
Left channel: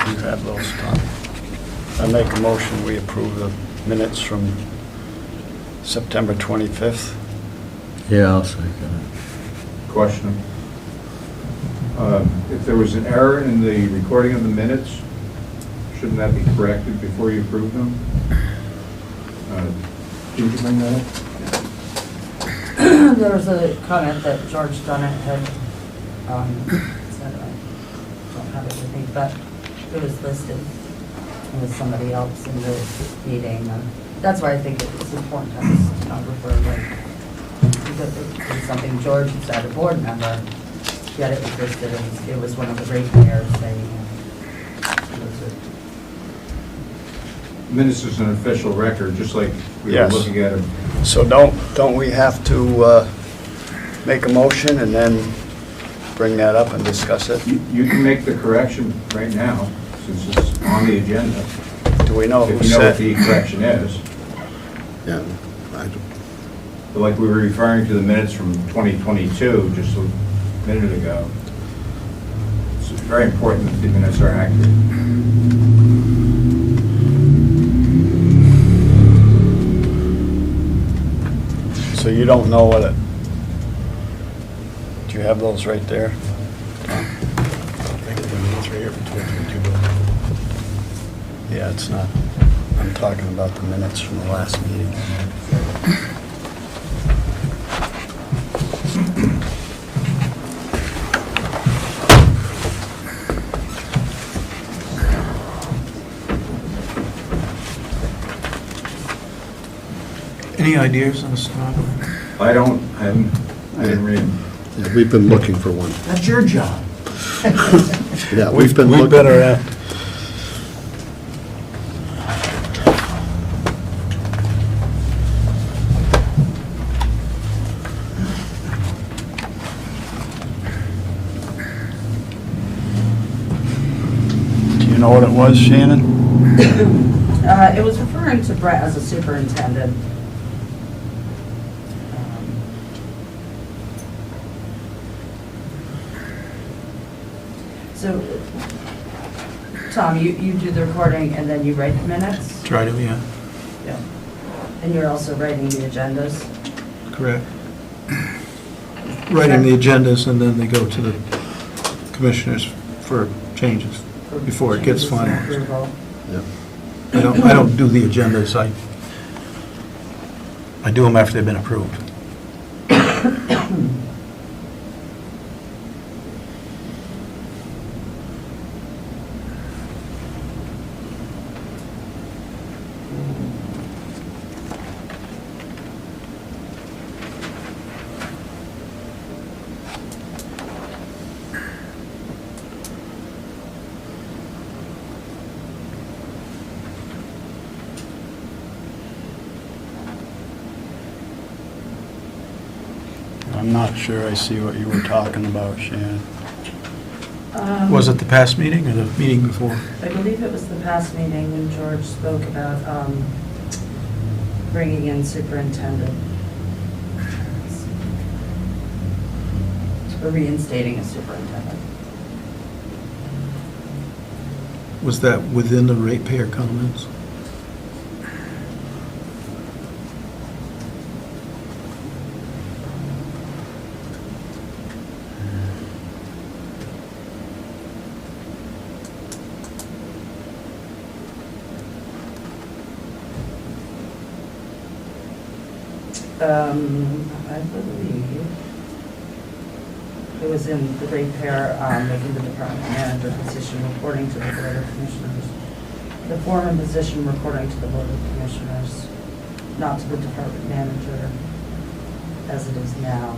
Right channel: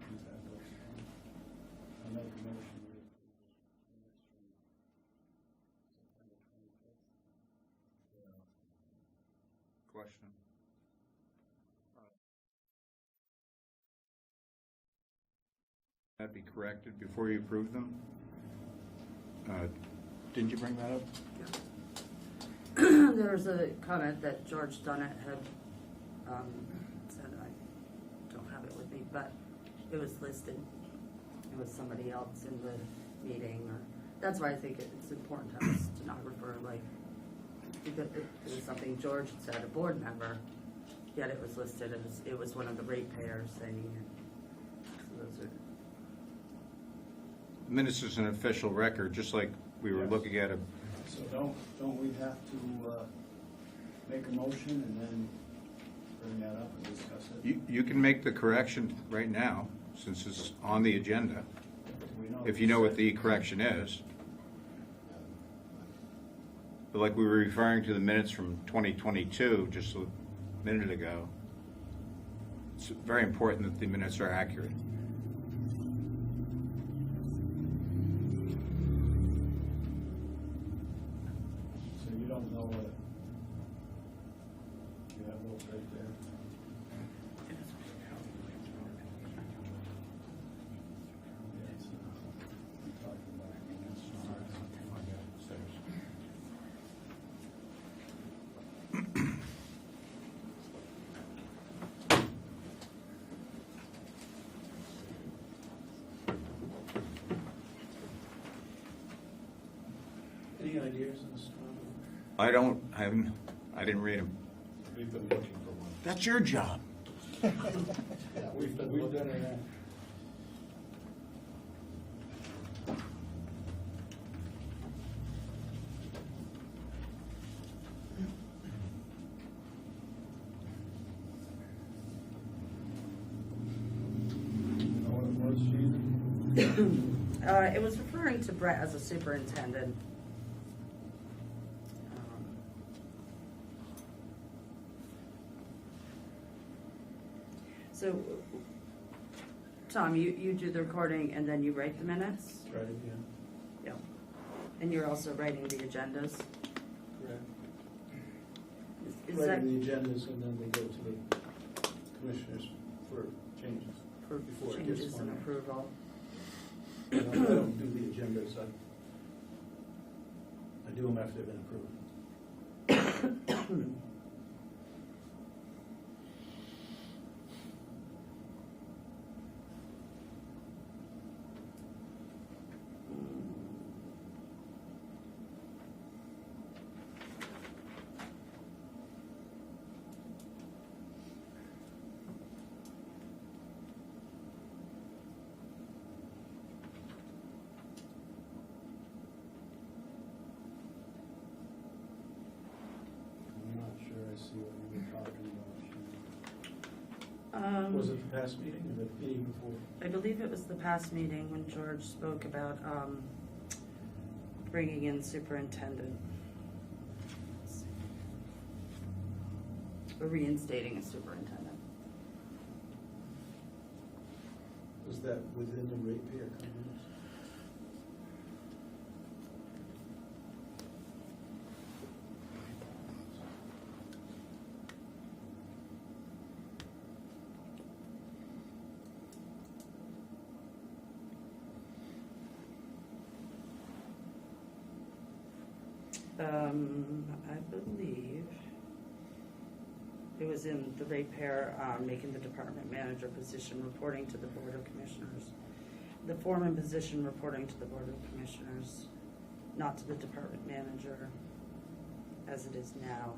You have those, Tom. I make a motion, we approve the minutes from September 25th. Yeah, I'll second it. Question. If there was an error in the recording of the minutes, shouldn't that be corrected before you approve them? Did you bring that up? There was a comment that George Dunnett had said, I don't have it with me, but it was listed with somebody else in the meeting. And that's why I think it's important to have a stenographer, like, because it was something George had said, a board member, yet it was listed, and it was one of the ratepayers saying, it was Minutes is an official record, just like we were Yes. looking at it. So don't we have to make a motion and then bring that up and discuss it? You can make the correction right now, since it's on the agenda, Do we know who if you know what said? the correction is. Yeah, I do. But like we were referring to the minutes from 2022, just a minute ago. It's very important that the minutes are accurate. So you don't know what it, do you have those right there? I think the minutes right here for 2022. Yeah, it's not, I'm talking about the minutes from the last meeting. Any ideas on the stenographer? I didn't read them. Yeah, we've been looking for one. That's your job. Yeah, we've been looking. We better act. Do you know what it was, Shannon? It was referring to Brett as a superintendent. So, Tom, you do the recording and then you write the minutes? Try to, yeah, Yeah. And you're also writing the agendas? correct. Writing the agendas and then they go to the commissioners for changes before it gets Changes and finalized. approval. Yeah. I don't do the agendas, I do them after they've been approved. I'm not sure I see what you were talking about, Shannon. Was it the past meeting or the meeting before? I believe it was the past meeting when George spoke about bringing in superintendent. Or reinstating a superintendent. Was that within the ratepayer comments? I believe it was in the ratepayer, making the department manager position reporting to the board of commissioners. The former position reporting to the board of commissioners, not to the department manager as it is now.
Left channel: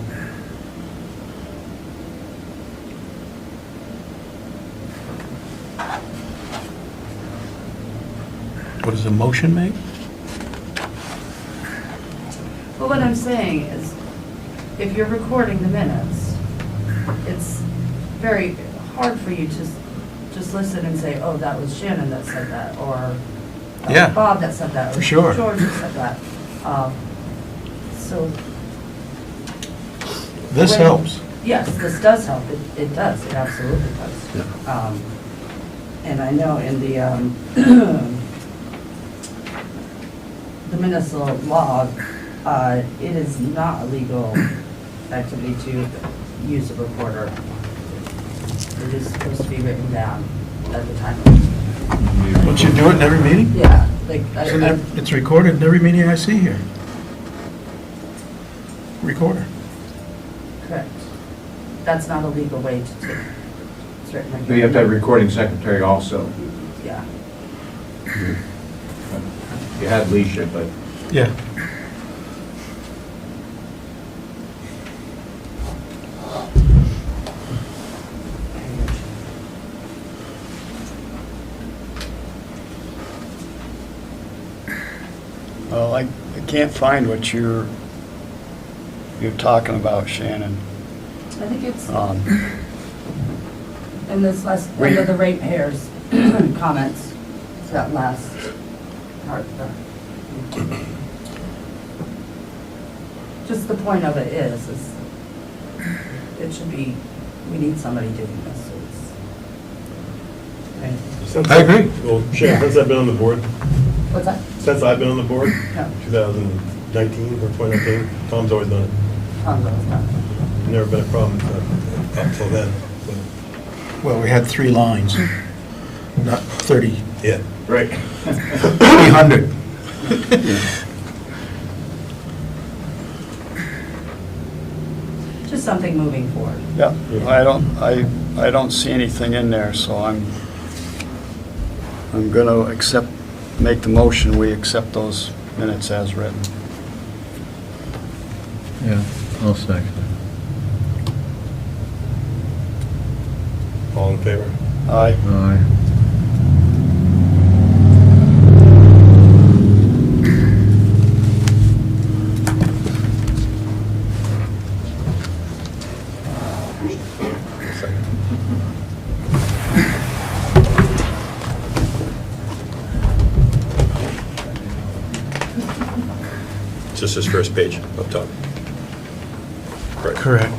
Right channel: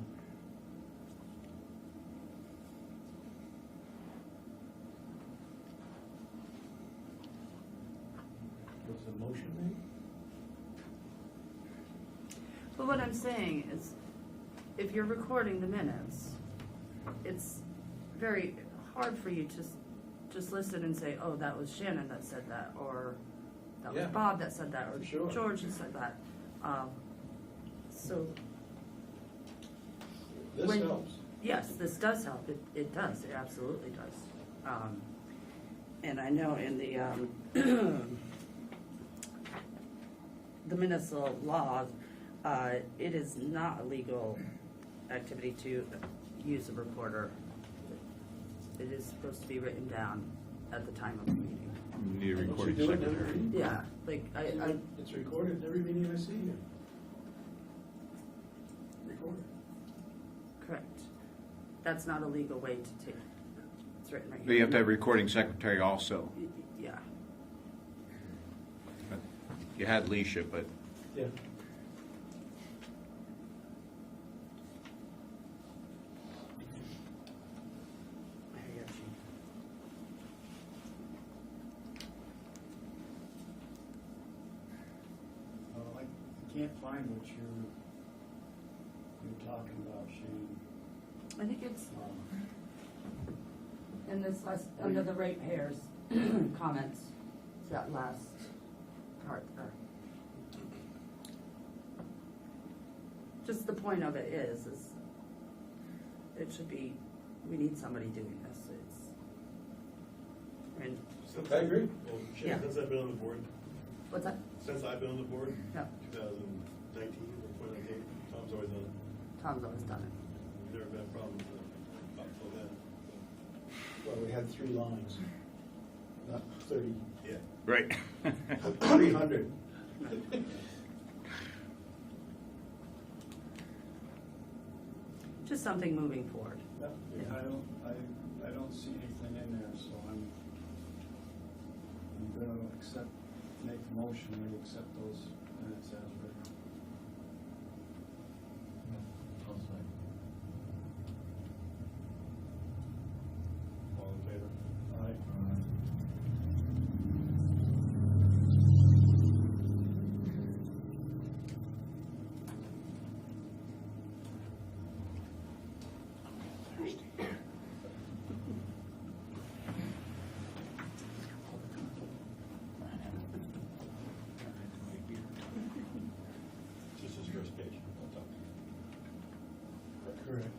What does a motion make? But what I'm saying is, if you're recording the minutes, it's very hard for you to just listen and say, oh, that was Shannon that said that, or that was Yeah. Bob that said that, or For sure. George that said that. So. This when- helps. Yes, this does help. It does. It absolutely does. Yeah. And I know in the, the municipal law, it is not a legal activity to use a recorder. It is supposed to be written down at the time. Don't you do it in every meeting? Yeah, like, It's recorded in every meeting I see here. Recorder. correct. That's not a legal way to do it. It's written like. You have to have a recording secretary also. Yeah. You had Leisha, but Yeah. Well, I can't find what you're talking about, Shannon. I think it's Um, in this last, We- under the ratepayers comments, it's that last part there. Just the point of it is it should be, we need somebody doing this, so it's. I agree. Well, Shannon, since I've been on the board, What's that? since I've been on the board, No, 2019 or 2019, Tom's always done it. Tom's always done Never been a problem up till then. So, Well, we had 3 lines, not 30 Yeah. Right. 300. Just something moving forward. Yeah, I don't see anything in there, so I'm gonna make the motion, we accept those minutes as written. Yeah, I'll second. All in favor? Aye. Aye. Just his first page up top. Right. Correct.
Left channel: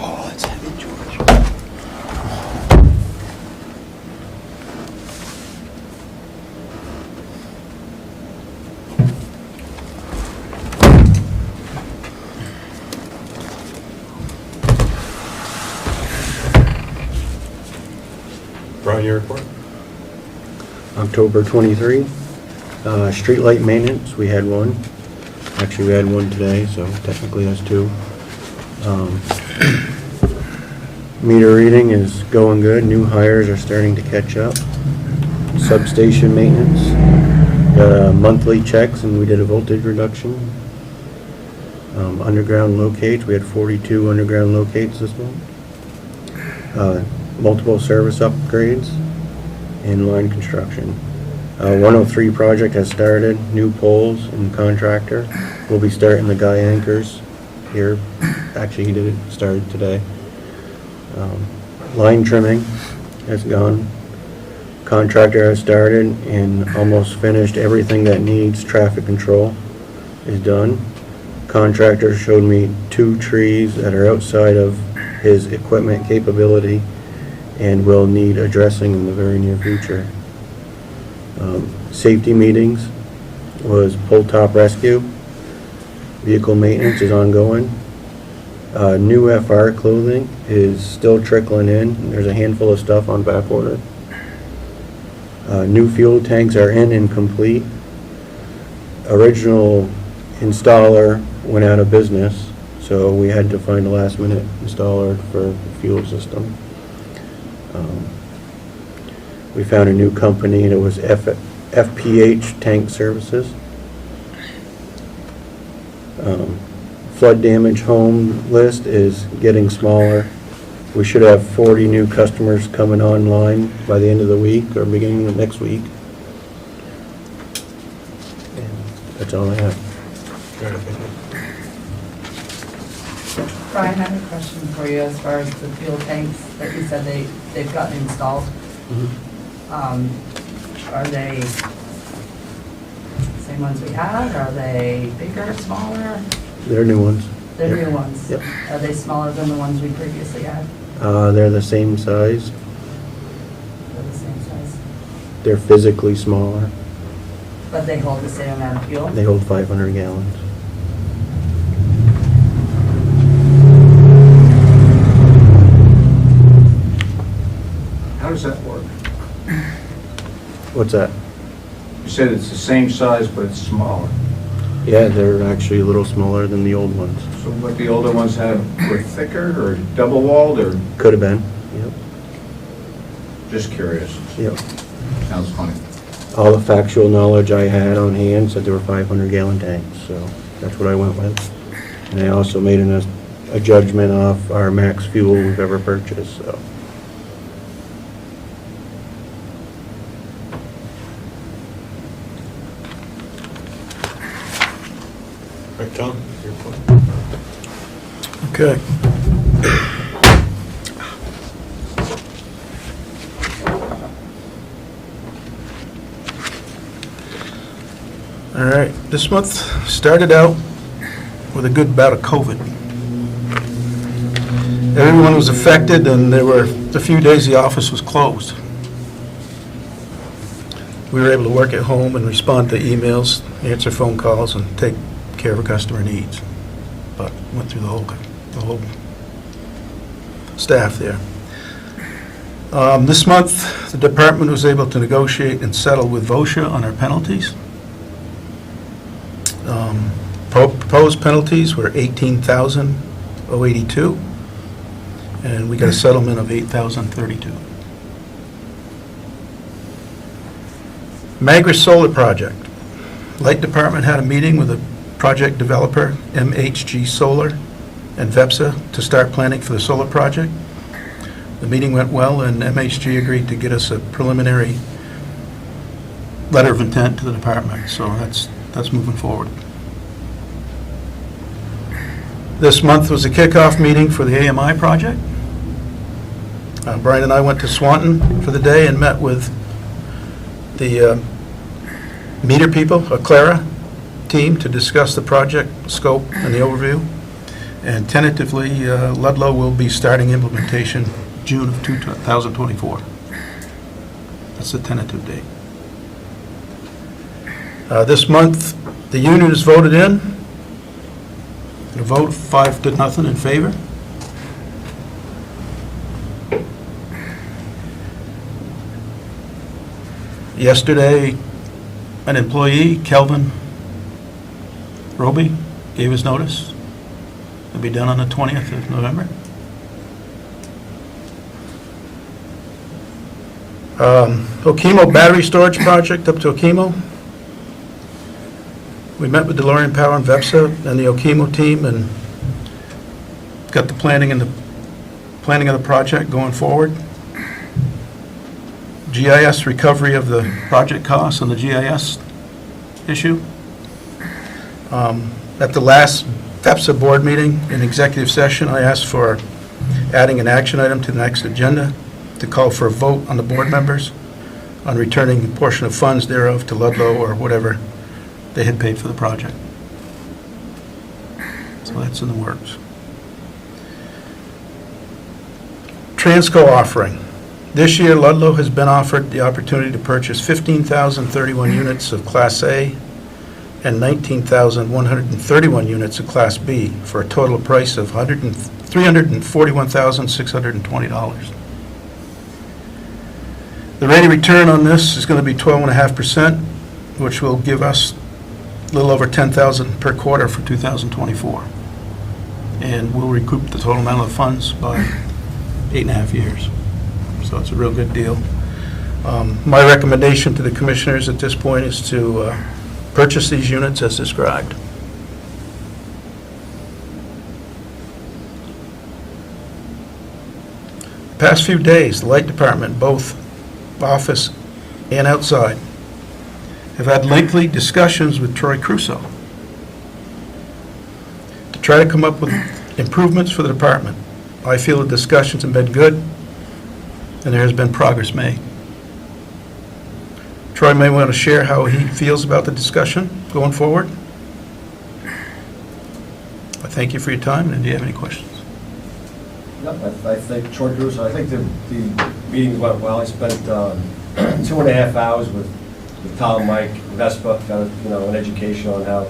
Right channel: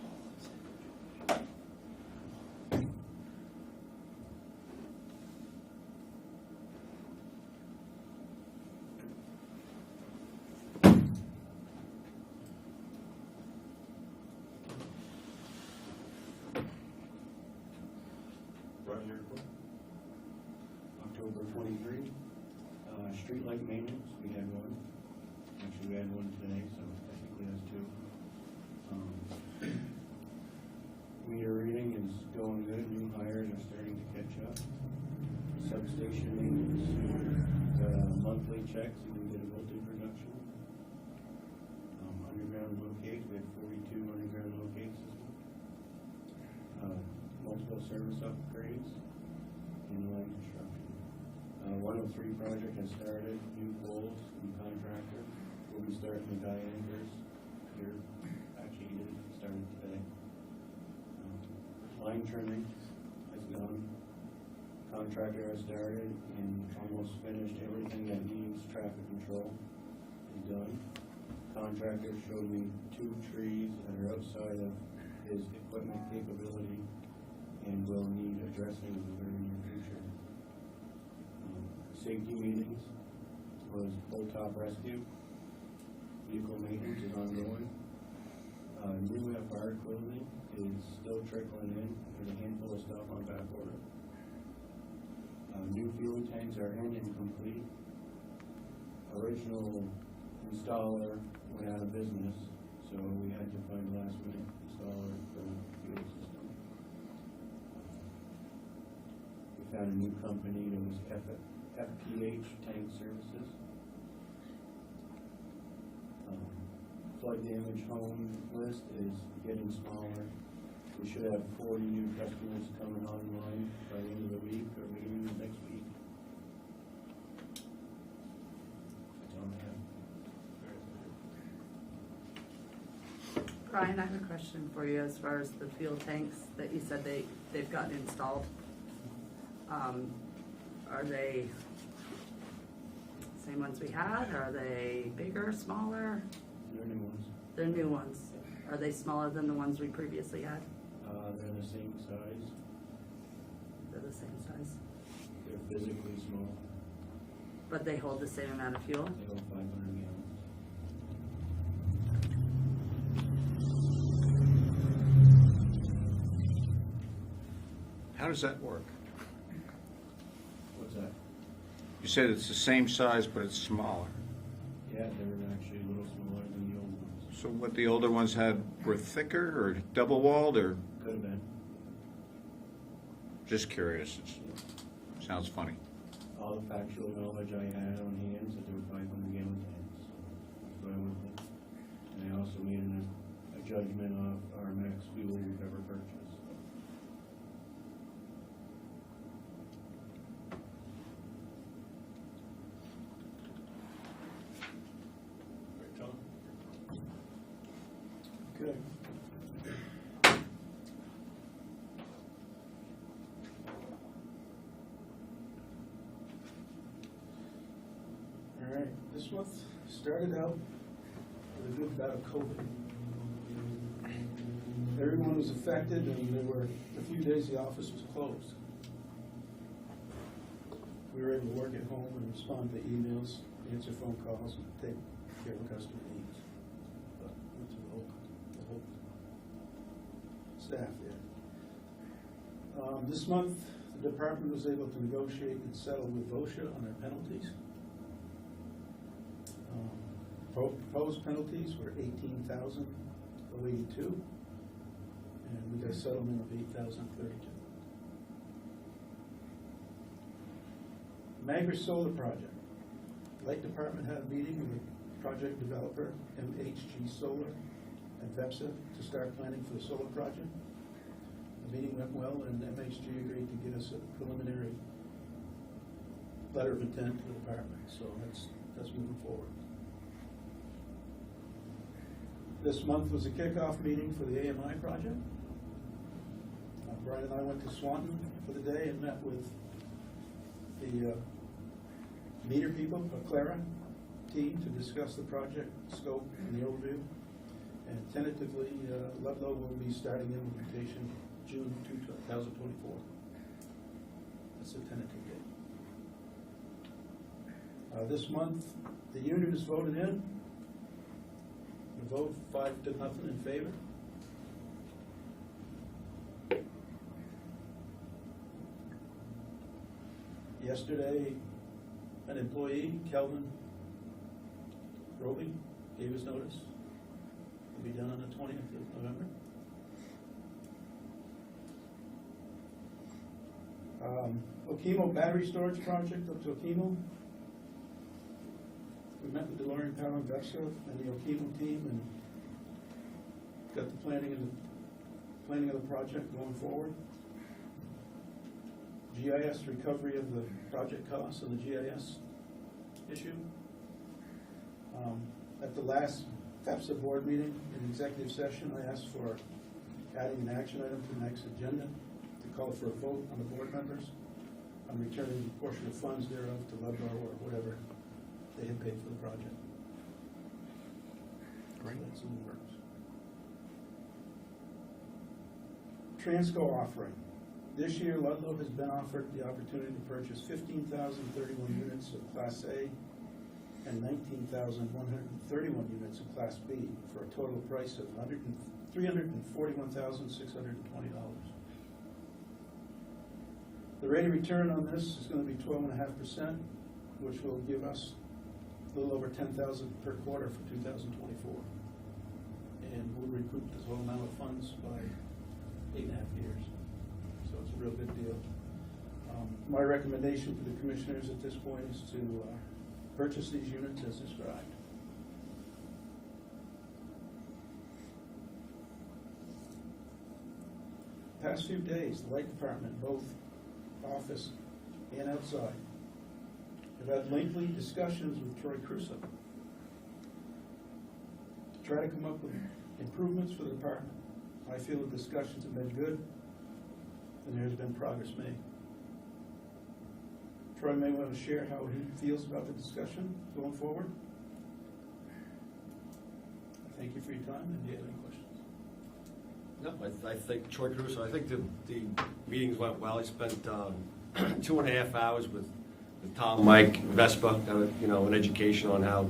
Oh, it's heavy, George. Brian, your report? October 23, streetlight maintenance, we had one. Actually, we had one today, so technically that's two. Meter reading is going good, new hires are starting to catch up. Substation maintenance, monthly checks, and we did a voltage reduction. Underground locates, we had 42 underground locates this month. Multiple service upgrades, and line construction. 103 project has started, new poles and contractor. We'll be starting the guy anchors here. Actually, he did it, started today. Line trimming has gone. Contractor has started and almost finished. Everything that needs traffic control is done. Contractor showed me 2 trees that are outside of his equipment capability and will need addressing in the very near future. Safety meetings was pull top rescue. Vehicle maintenance is ongoing. New FR clothing is still trickling in. There's a handful of stuff on back order. New fuel tanks are in and complete. Original installer went out of business, so we had to find a last minute installer for the fuel system. We found a new company, and it was FPH Tank Services. Flood damage home list is getting smaller. We should have 40 new customers coming online by the end of the week or beginning of next week. And that's all I have. Brian, I have a question for you as far as the fuel tanks that you said they've gotten installed. Are they same ones we had? Are they bigger, smaller? They're new ones. They're Yep. new ones. Yep. Are they smaller than the ones we previously had? They're the same size. They're the same size, They're physically smaller. but they hold the same amount of fuel? They hold 500 gallons. How does that work? What's that? You said it's the same size, but it's smaller. Yeah, they're actually a little smaller than the old ones. So what the older ones had were thicker or double walled or Could have been. Yep. just curious? Yep. Sounds funny. All the factual knowledge I had on hand said they were 500 gallon tanks, so that's what I went with. And I also made a judgment off our max fuel we've ever purchased, so. All right, Tom, your report? Okay. All right, this month started out with a good bout of COVID. everyone was affected, and there were a few days the office was closed. We were able to work at home and respond to emails, answer phone calls, and take care of customer needs. But went through the whole staff there. This month, the department was able to negotiate and settle with VOSHA on our penalties. Proposed penalties were $18,082, and we got a settlement of $8,032. Magris Solar Project. Light Department had a meeting with the project developer, MHG Solar, and VEPSA to start planning for the solar project. The meeting went well, and MHG agreed to get us a preliminary letter of intent to the department, so that's moving forward. This month was a kickoff meeting for the AMI project. Brian and I went to Swanton for the day and met with the meter people, Clara team, to discuss the project scope and the overview. And tentatively, Ludlow will be starting implementation June of 2024. That's the tentative date. This month, the union is voted in. A vote 5-0 in favor. Yesterday, an employee, Kelvin Roby, gave his notice. It'll be done on the 20th of November. Okemo battery storage project up to Okemo. We met with DeLorean Power and VEPSA and the Okemo team and got the planning of the project going forward. GIS recovery of the project costs on the GIS issue. At the last VEPSA board meeting in executive session, I asked for adding an action item to the next agenda to call for a vote on the board members on returning a portion of funds thereof to Ludlow or whatever they had paid for the project. So that's in the works. Transco offering. This year, Ludlow has been offered the opportunity to purchase 15,031 units of Class A and 19,131 units of Class B for a total price of $341,620. The rate of return on this is going to be 12.5%, which will give us a little over $10,000 per quarter for 2024. And we'll recoup the total amount of funds by 8.5 years. So it's a real good deal. My recommendation to the commissioners at this point is to purchase these units as described. The past few days, the Light Department, both office and outside, have had lengthy discussions with Troy Crusoe to try to come up with improvements for the department. I feel the discussions have been good, and there has been progress made. Troy may want to share how he feels about the discussion going forward. I thank you for your time, and do you have any questions? Yep, I think, Troy Crusoe, I think the meetings went well. I spent 2.5 hours with Tom, Mike, Vespa, kind of, an education on how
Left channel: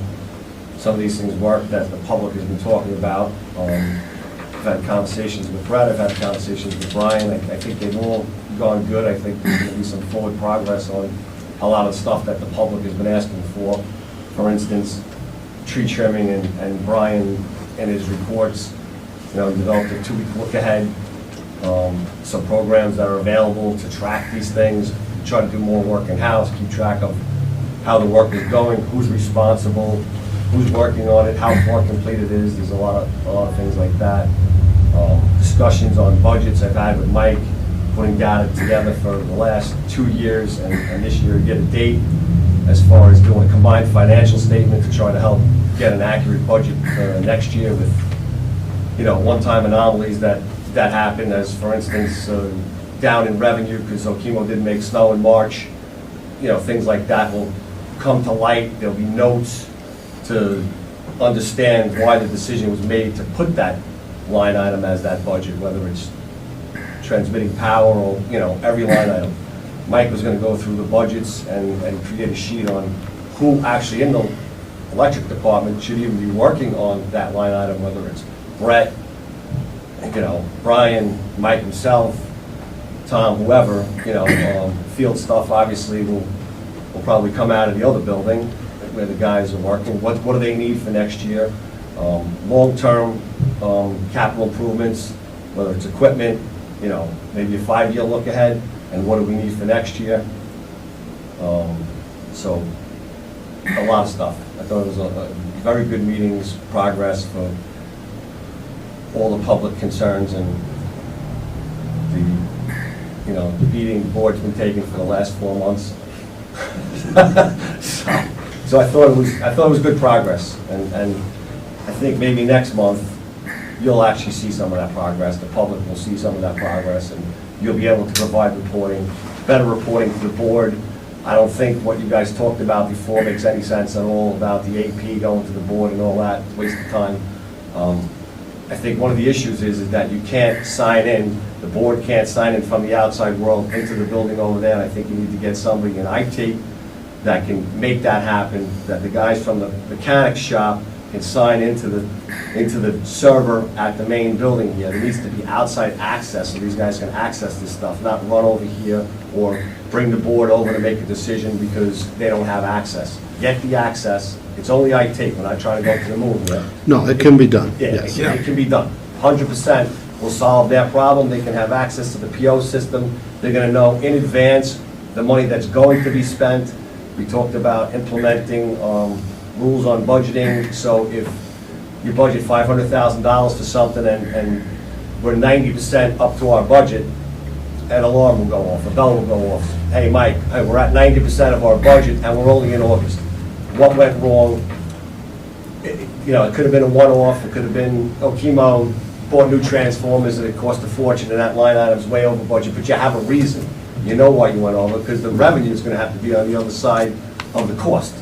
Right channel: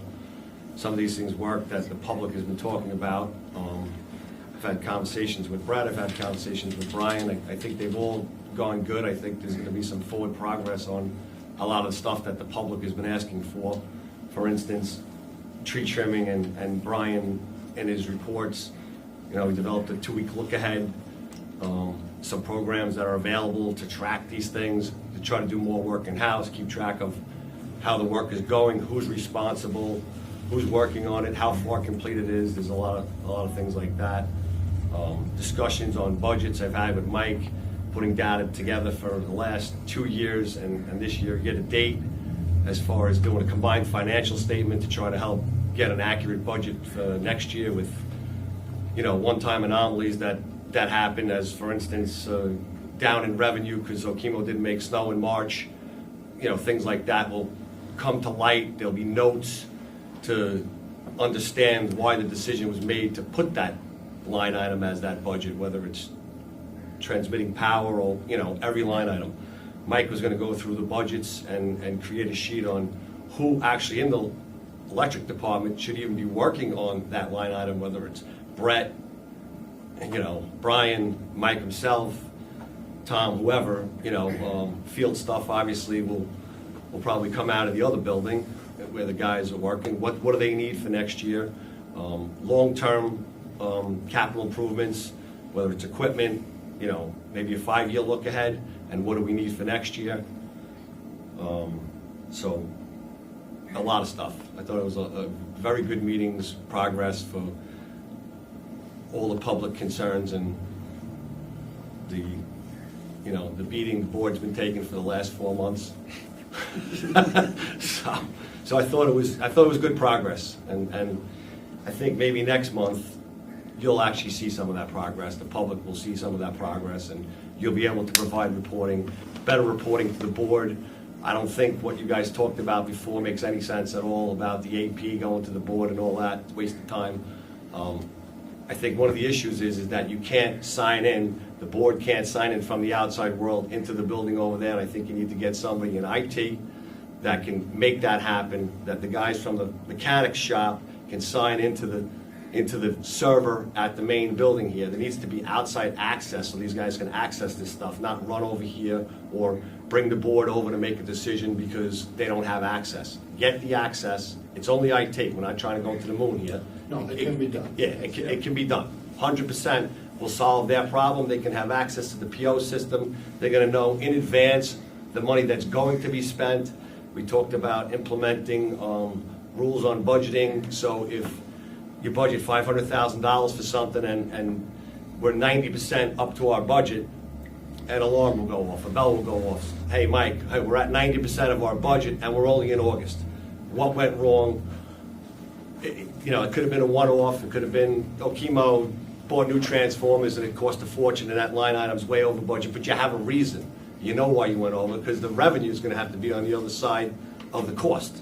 some of these things work that the public has been talking about. I've had conversations with Brett, I've had conversations with Brian. I think they've all gone good. I think there's going to be some forward progress on a lot of stuff that the public has been asking for. For instance, tree trimming, and Brian and his reports, developed a 2-week look ahead, some programs that are available to track these things, try to do more work in-house, keep track of how the work is going, who's responsible, who's working on it, how far complete it is. There's a lot of things like that. Discussions on budgets I've had with Mike, putting data together for the last 2 years and this year, get a date as far as doing a combined financial statement to try to help get an accurate budget for next year with, one-time anomalies that happen, as for instance, down in revenue because Okemo didn't make snow in March. Things like that will come to light. There'll be notes to understand why the decision was made to put that line item as that budget, whether it's transmitting power or, you know, every line item. Mike was gonna go through the budgets and create a sheet on who actually in the electric department should even be working on that line item, whether it's Brett, you know, Brian, Mike himself, Tom, whoever, you know, field stuff obviously will probably come out of the other building where the guys are working. What do they need for next year? Long-term capital improvements, whether it's equipment, you know, maybe a 5-year look ahead, and what do we need for next year? So, a lot of stuff. I thought it was a very good meetings, progress for all the public concerns, and the, you know, the beating the board's been taking for the last 4 months. So I thought it was good progress, and I think maybe next month you'll actually see some of that progress. The public will see some of that progress, and you'll be able to provide reporting, better reporting to the board. I don't think what you guys talked about before makes any sense at all about the AP going to the board and all that. It's a waste of time. I think one of the issues is that you can't sign in, the board can't sign in from the outside world into the building over there. And I think you need to get somebody in IT that can make that happen, that the guys from the mechanic shop can sign into the server at the main building here. There needs to be outside access so these guys can access this stuff, not run over here or bring the board over to make a decision because they don't have access. Get the access. It's only IT. We're not trying to go to the moon here. No, it can be done, Yeah, yes. it can be done. 100% will solve their problem. They can have access to the PO system. They're going to know in advance the money that's going to be spent. We talked about implementing rules on budgeting. So if you budget $500,000 for something and we're 90% up to our budget, an alarm will go off, a bell will go off. Hey, Mike, hey, we're at 90% of our budget and we're only in August. What went wrong? You know, it could have been a one-off. It could have been, chemo bought new transformers and it cost a fortune and that line item's way over budget, but you have a reason. You know why you went over, because the revenue is going to have to be on the other side of the cost.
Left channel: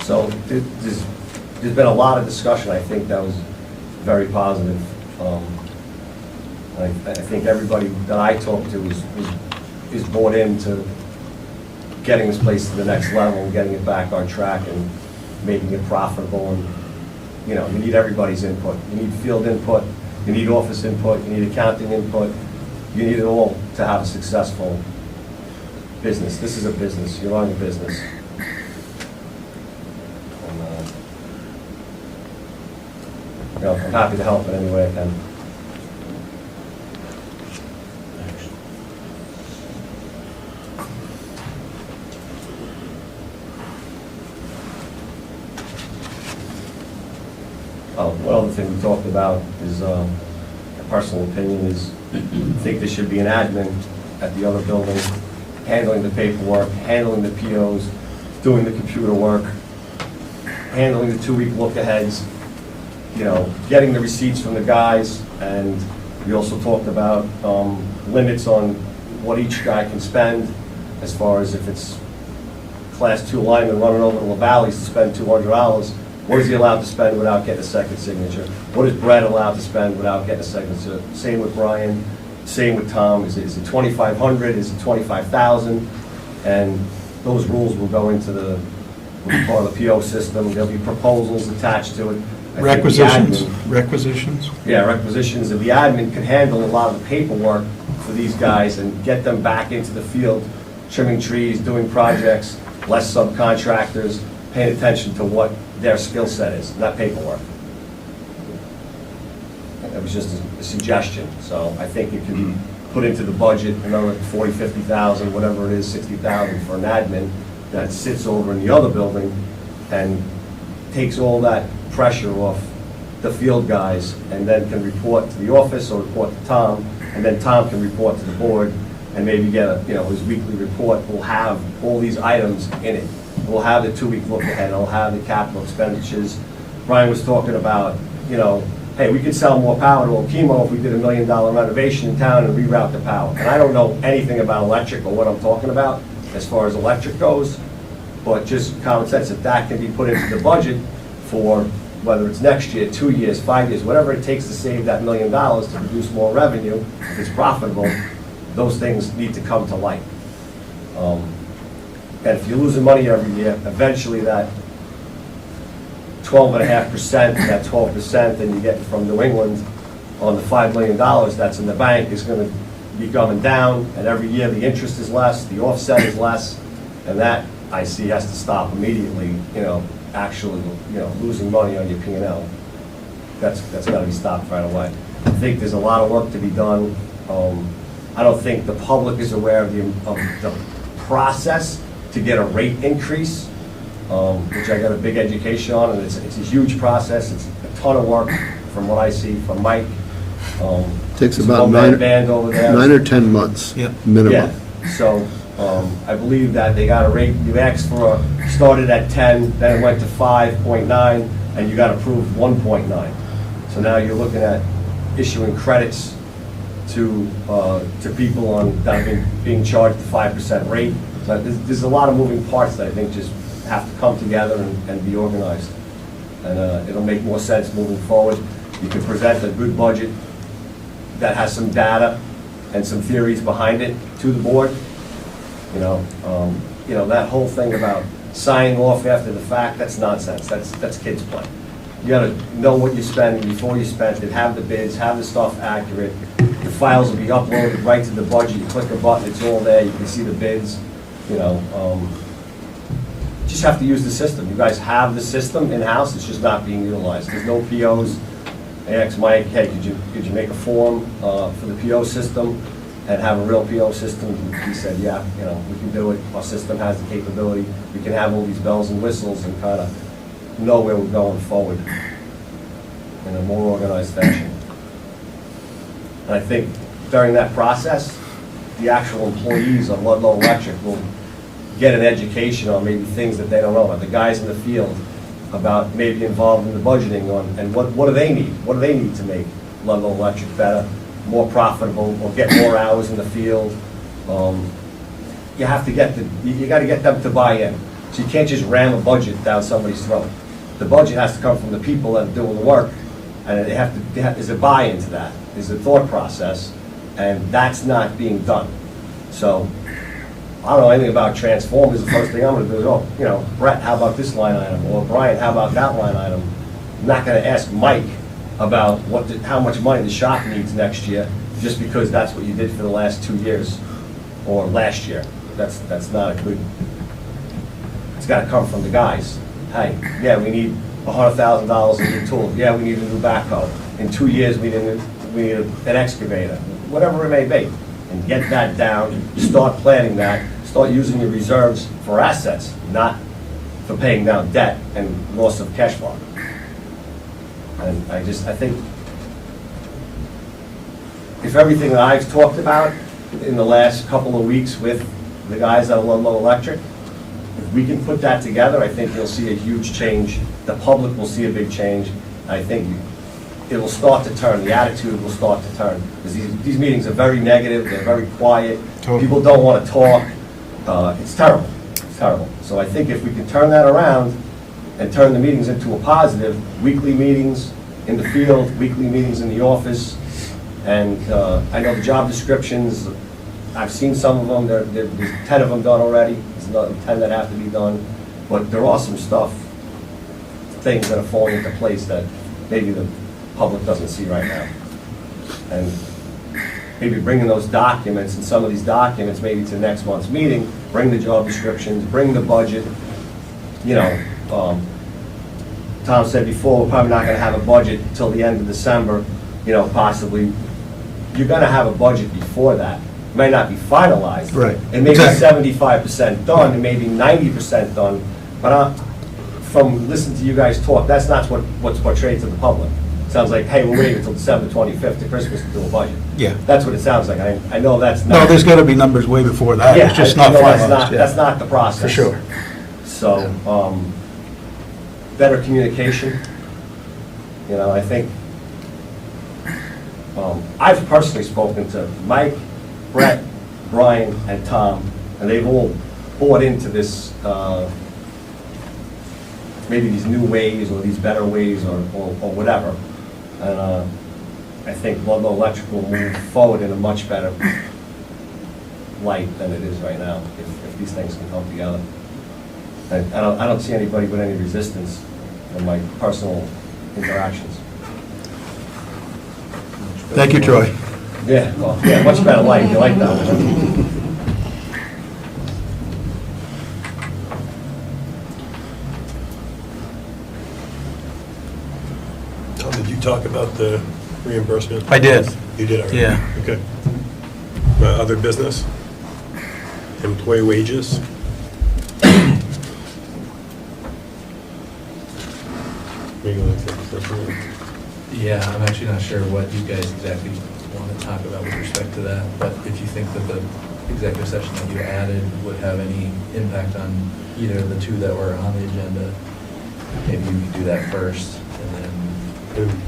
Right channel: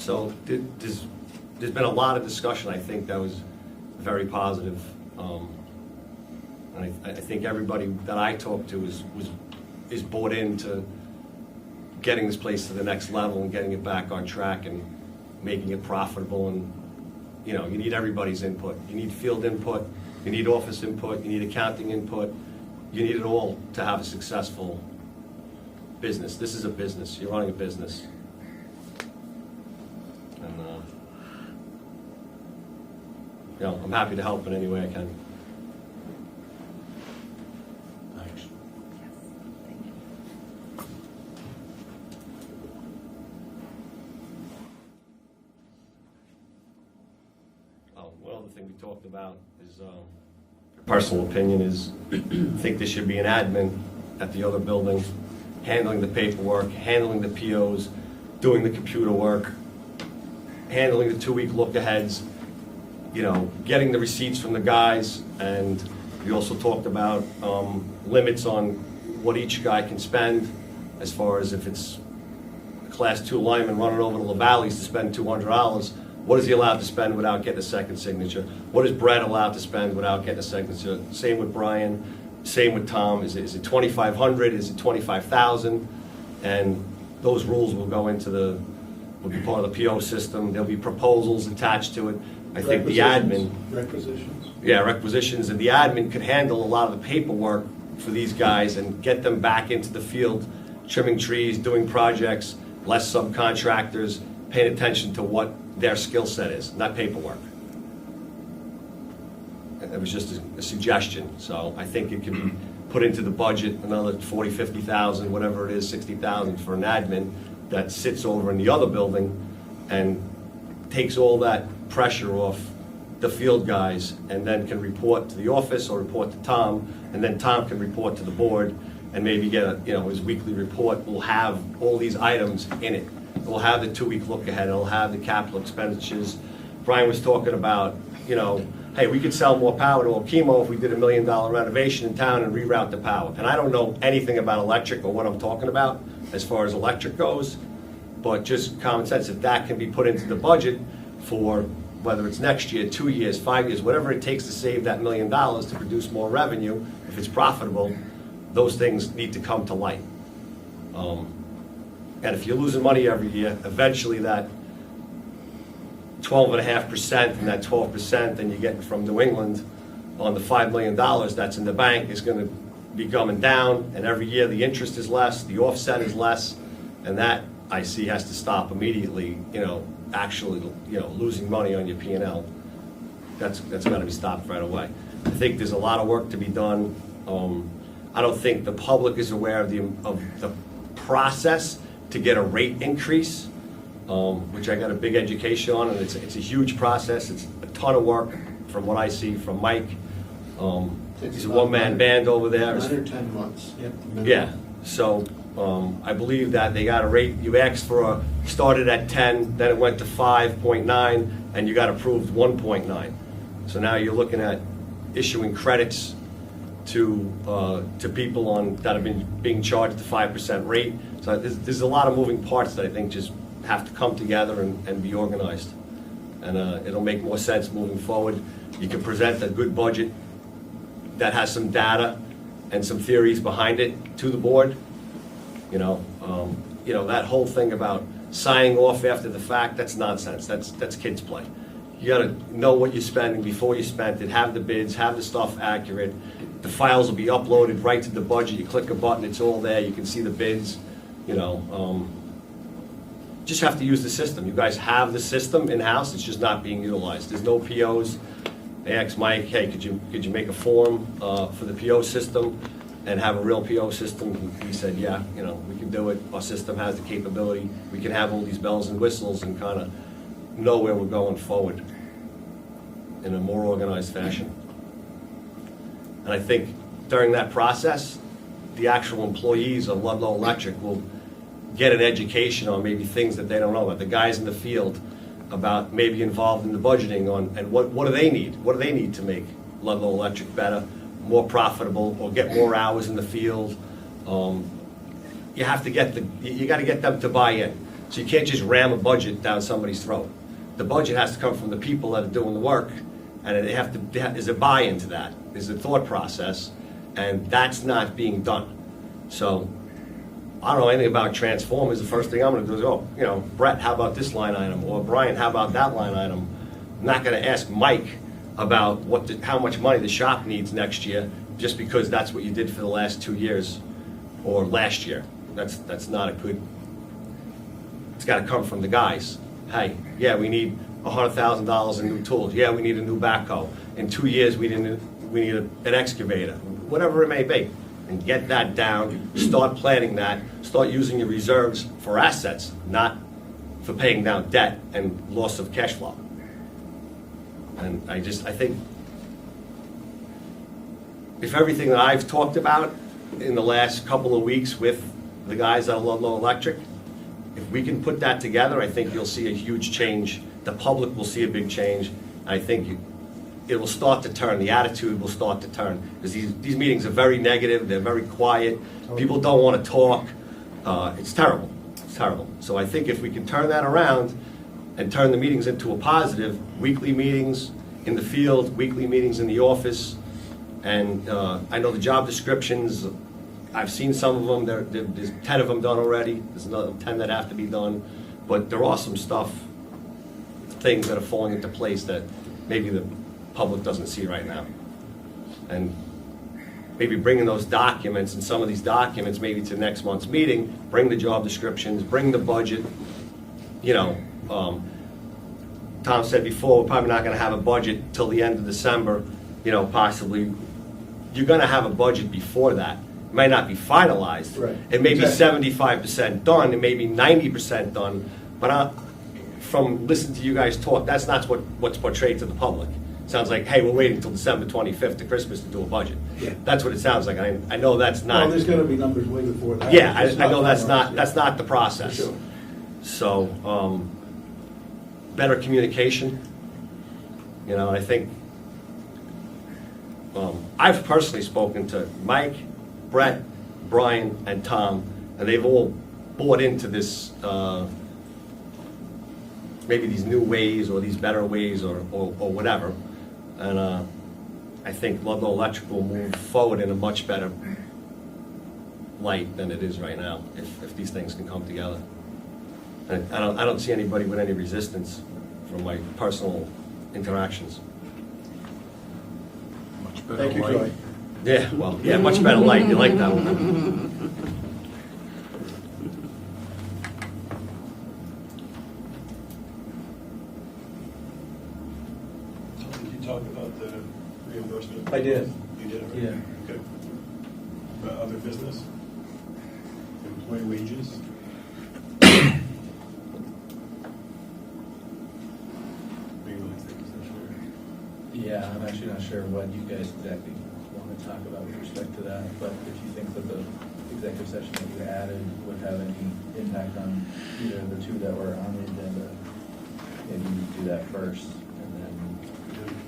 So there's been a lot of discussion. I think that was very positive. I think everybody that I talked to is bought into getting this place to the next level and getting it back on track and making it profitable. And, you know, you need everybody's input. You need field input, you need office input, you need accounting input. You need it all to have a successful business. This is a business. You're running a business. And, you know, I'm happy to help in any way I can. One other thing we talked about is, a personal opinion is, I think there should be an admin at the other building, handling the paperwork, handling the POs, doing the computer work, handling the 2-week look-aheads, you know, getting the receipts from the guys, and we also talked about limits on what each guy can spend, as far as if it's Class 2 lineman running over to La Valley's to spend $200, what is he allowed to spend without getting a second signature? What is Brett allowed to spend without getting a second signature? Same with Brian, same with Tom. Is it 2,500? Is it 25,000? And those rules will go into the part of the PO system. There'll be proposals attached to it. I think the admin- Requisitions? Yeah, requisitions, and the admin can handle a lot of the paperwork for these guys and get them back into the field, trimming trees, doing projects, less subcontractors, paying attention to what their skill set is, not paperwork. That was just a suggestion, so I think it can be put into the budget, another 40, 50,000, whatever it is, 60,000 for an admin that sits over in the other building and takes all that pressure off the field guys, and then can report to the office or report to Tom, and then Tom can report to the board and maybe get a, you know, his weekly report will have all these items in it. We'll have the 2-week look ahead, it'll have the capital expenditures. Brian was talking about, you know, hey, we could sell more power to Okemo if we did $1 million renovation in town and reroute the power. And I don't know anything about electric or what I'm talking about as far as electric goes, but just common sense, if that can be put into the budget for whether it's next year, 2 years, 5 years, whatever it takes to save that $1 million to produce more revenue, if it's profitable, those things need to come to light. And if you're losing money every year, eventually that 12.5% and that 12% that you get from New England on the $5 million that's in the bank is gonna be coming down, and every year the interest is less, the offset is less, and that, I see, has to stop immediately, actually, losing money on your P&L. That's gotta be stopped right away. I think there's a lot of work to be done. I don't think the public is aware of the process to get a rate increase, which I got a big education on, and it's a huge process. It's a ton of work from what I see from Mike. Takes There's about a one-man band over there. 9 or 10 months minimum. Yeah, so I believe that they got a rate, you asked for, started at 10, then it went to 5.9, and you got approved 1.9. So now you're looking at issuing credits to people that have being charged the 5% rate. So there's a lot of moving parts that I think just have to come together and be organized. And it'll make more sense moving forward. You can present a good budget that has some data and some theories behind it to the board. That whole thing about signing off after the fact, that's nonsense. That's kids' play. You gotta know what you're spending before you spend it, have the bids, have the stuff accurate. The files will be uploaded right to the budget. You click a button, it's all there. You can see the bids, Just have to use the system. You guys have the system in-house, it's just not being utilized. There's no POs. I asked Mike, hey, could you make a form for the PO system and have a real PO system? He said, yeah, we can do it. Our system has the capability. We can have all these bells and whistles and kind of know where we're going forward in a more organized fashion. And I think during that process, the actual employees of Ludlow Electric will get an education on maybe things that they don't know about. The guys in the field about maybe involved in the budgeting on, and what do they need? What do they need to make Ludlow Electric better, more profitable, or get more hours in the field? You have to you got to get them to buy in. So you can't just ram a budget down somebody's throat. The budget has to come from the people that are doing the work, and there's a buy-in to that. There's a thought process, and that's not being done. So I don't know anything about transformers. The first thing I'm going to do is, Brett, how about this line item? Or Brian, how about that line item? I'm not going to ask Mike about how much money the shop needs next year, just because that's what you did for the last 2 years or last year. That's not a good. It's got to come from the guys. Hey, yeah, we need $100,000 in new tools. Yeah, we need a new backhoe. In 2 years, we need an excavator. Whatever it may be. And get that down, start planning that, start using your reserves for assets, not for paying down debt and loss of cash flow. And I think if everything that I've talked about in the last couple of weeks with the guys at Ludlow Electric, if we can put that together, I think you'll see a huge change. The public will see a big change. I think it will start to turn. The attitude will start to turn. Because these meetings are very negative. They're very quiet. Totally. People don't want to talk. It's terrible. It's terrible. So I think if we can turn that around and turn the meetings into a positive, weekly meetings in the field, weekly meetings in the office, and I know the job descriptions, I've seen some of them. There's 10 of them done already. There's another 10 that have to be done. But there are some things that are falling into place that maybe the public doesn't see right now. And maybe bringing those documents, and some of these documents maybe to next month's meeting, bring the job descriptions, bring the budget. Tom said before, we're probably not going to have a budget till the end of December, possibly. You're going to have a budget before that. It may not be finalized. Right. It may be 75% done, it may be 90% done, but from listening to you guys talk, that's not what's portrayed to the public. Sounds like, hey, we're waiting until December 25th to Christmas to do a budget. Yeah. That's what it sounds like. I know that's not. No, there's got to be numbers way before that. Yeah, It's just I not know finalized. that's not the process. For sure. So, better communication. I think, I've personally spoken to Mike, Brett, Brian, and Tom, and they've all bought into this maybe these new ways or these better ways or whatever. And I think Ludlow Electric will move forward in a much better light than it is right now, if these things can come together. And I don't see anybody with any resistance from my personal interactions. Thank you, Troy. Yeah, well, yeah, much better light, you like that one. Tom, did you talk about the reimbursement? I did. You did already? Yeah. Okay. Other business? Employee wages? Maybe like that. Yeah, I'm actually not sure what you guys exactly want to talk about with respect to that, but if you think that the executive session that you added would have any impact on either of the two that were on the agenda, maybe you could do that first, and then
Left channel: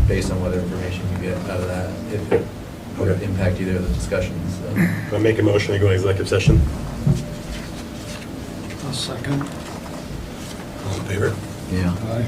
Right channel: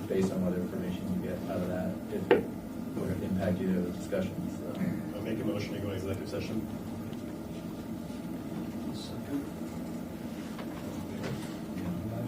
based on what information you get out of that, if it would impact either of the discussions. I make a motion to go into executive session. A second. All in favor? Yeah. Aye.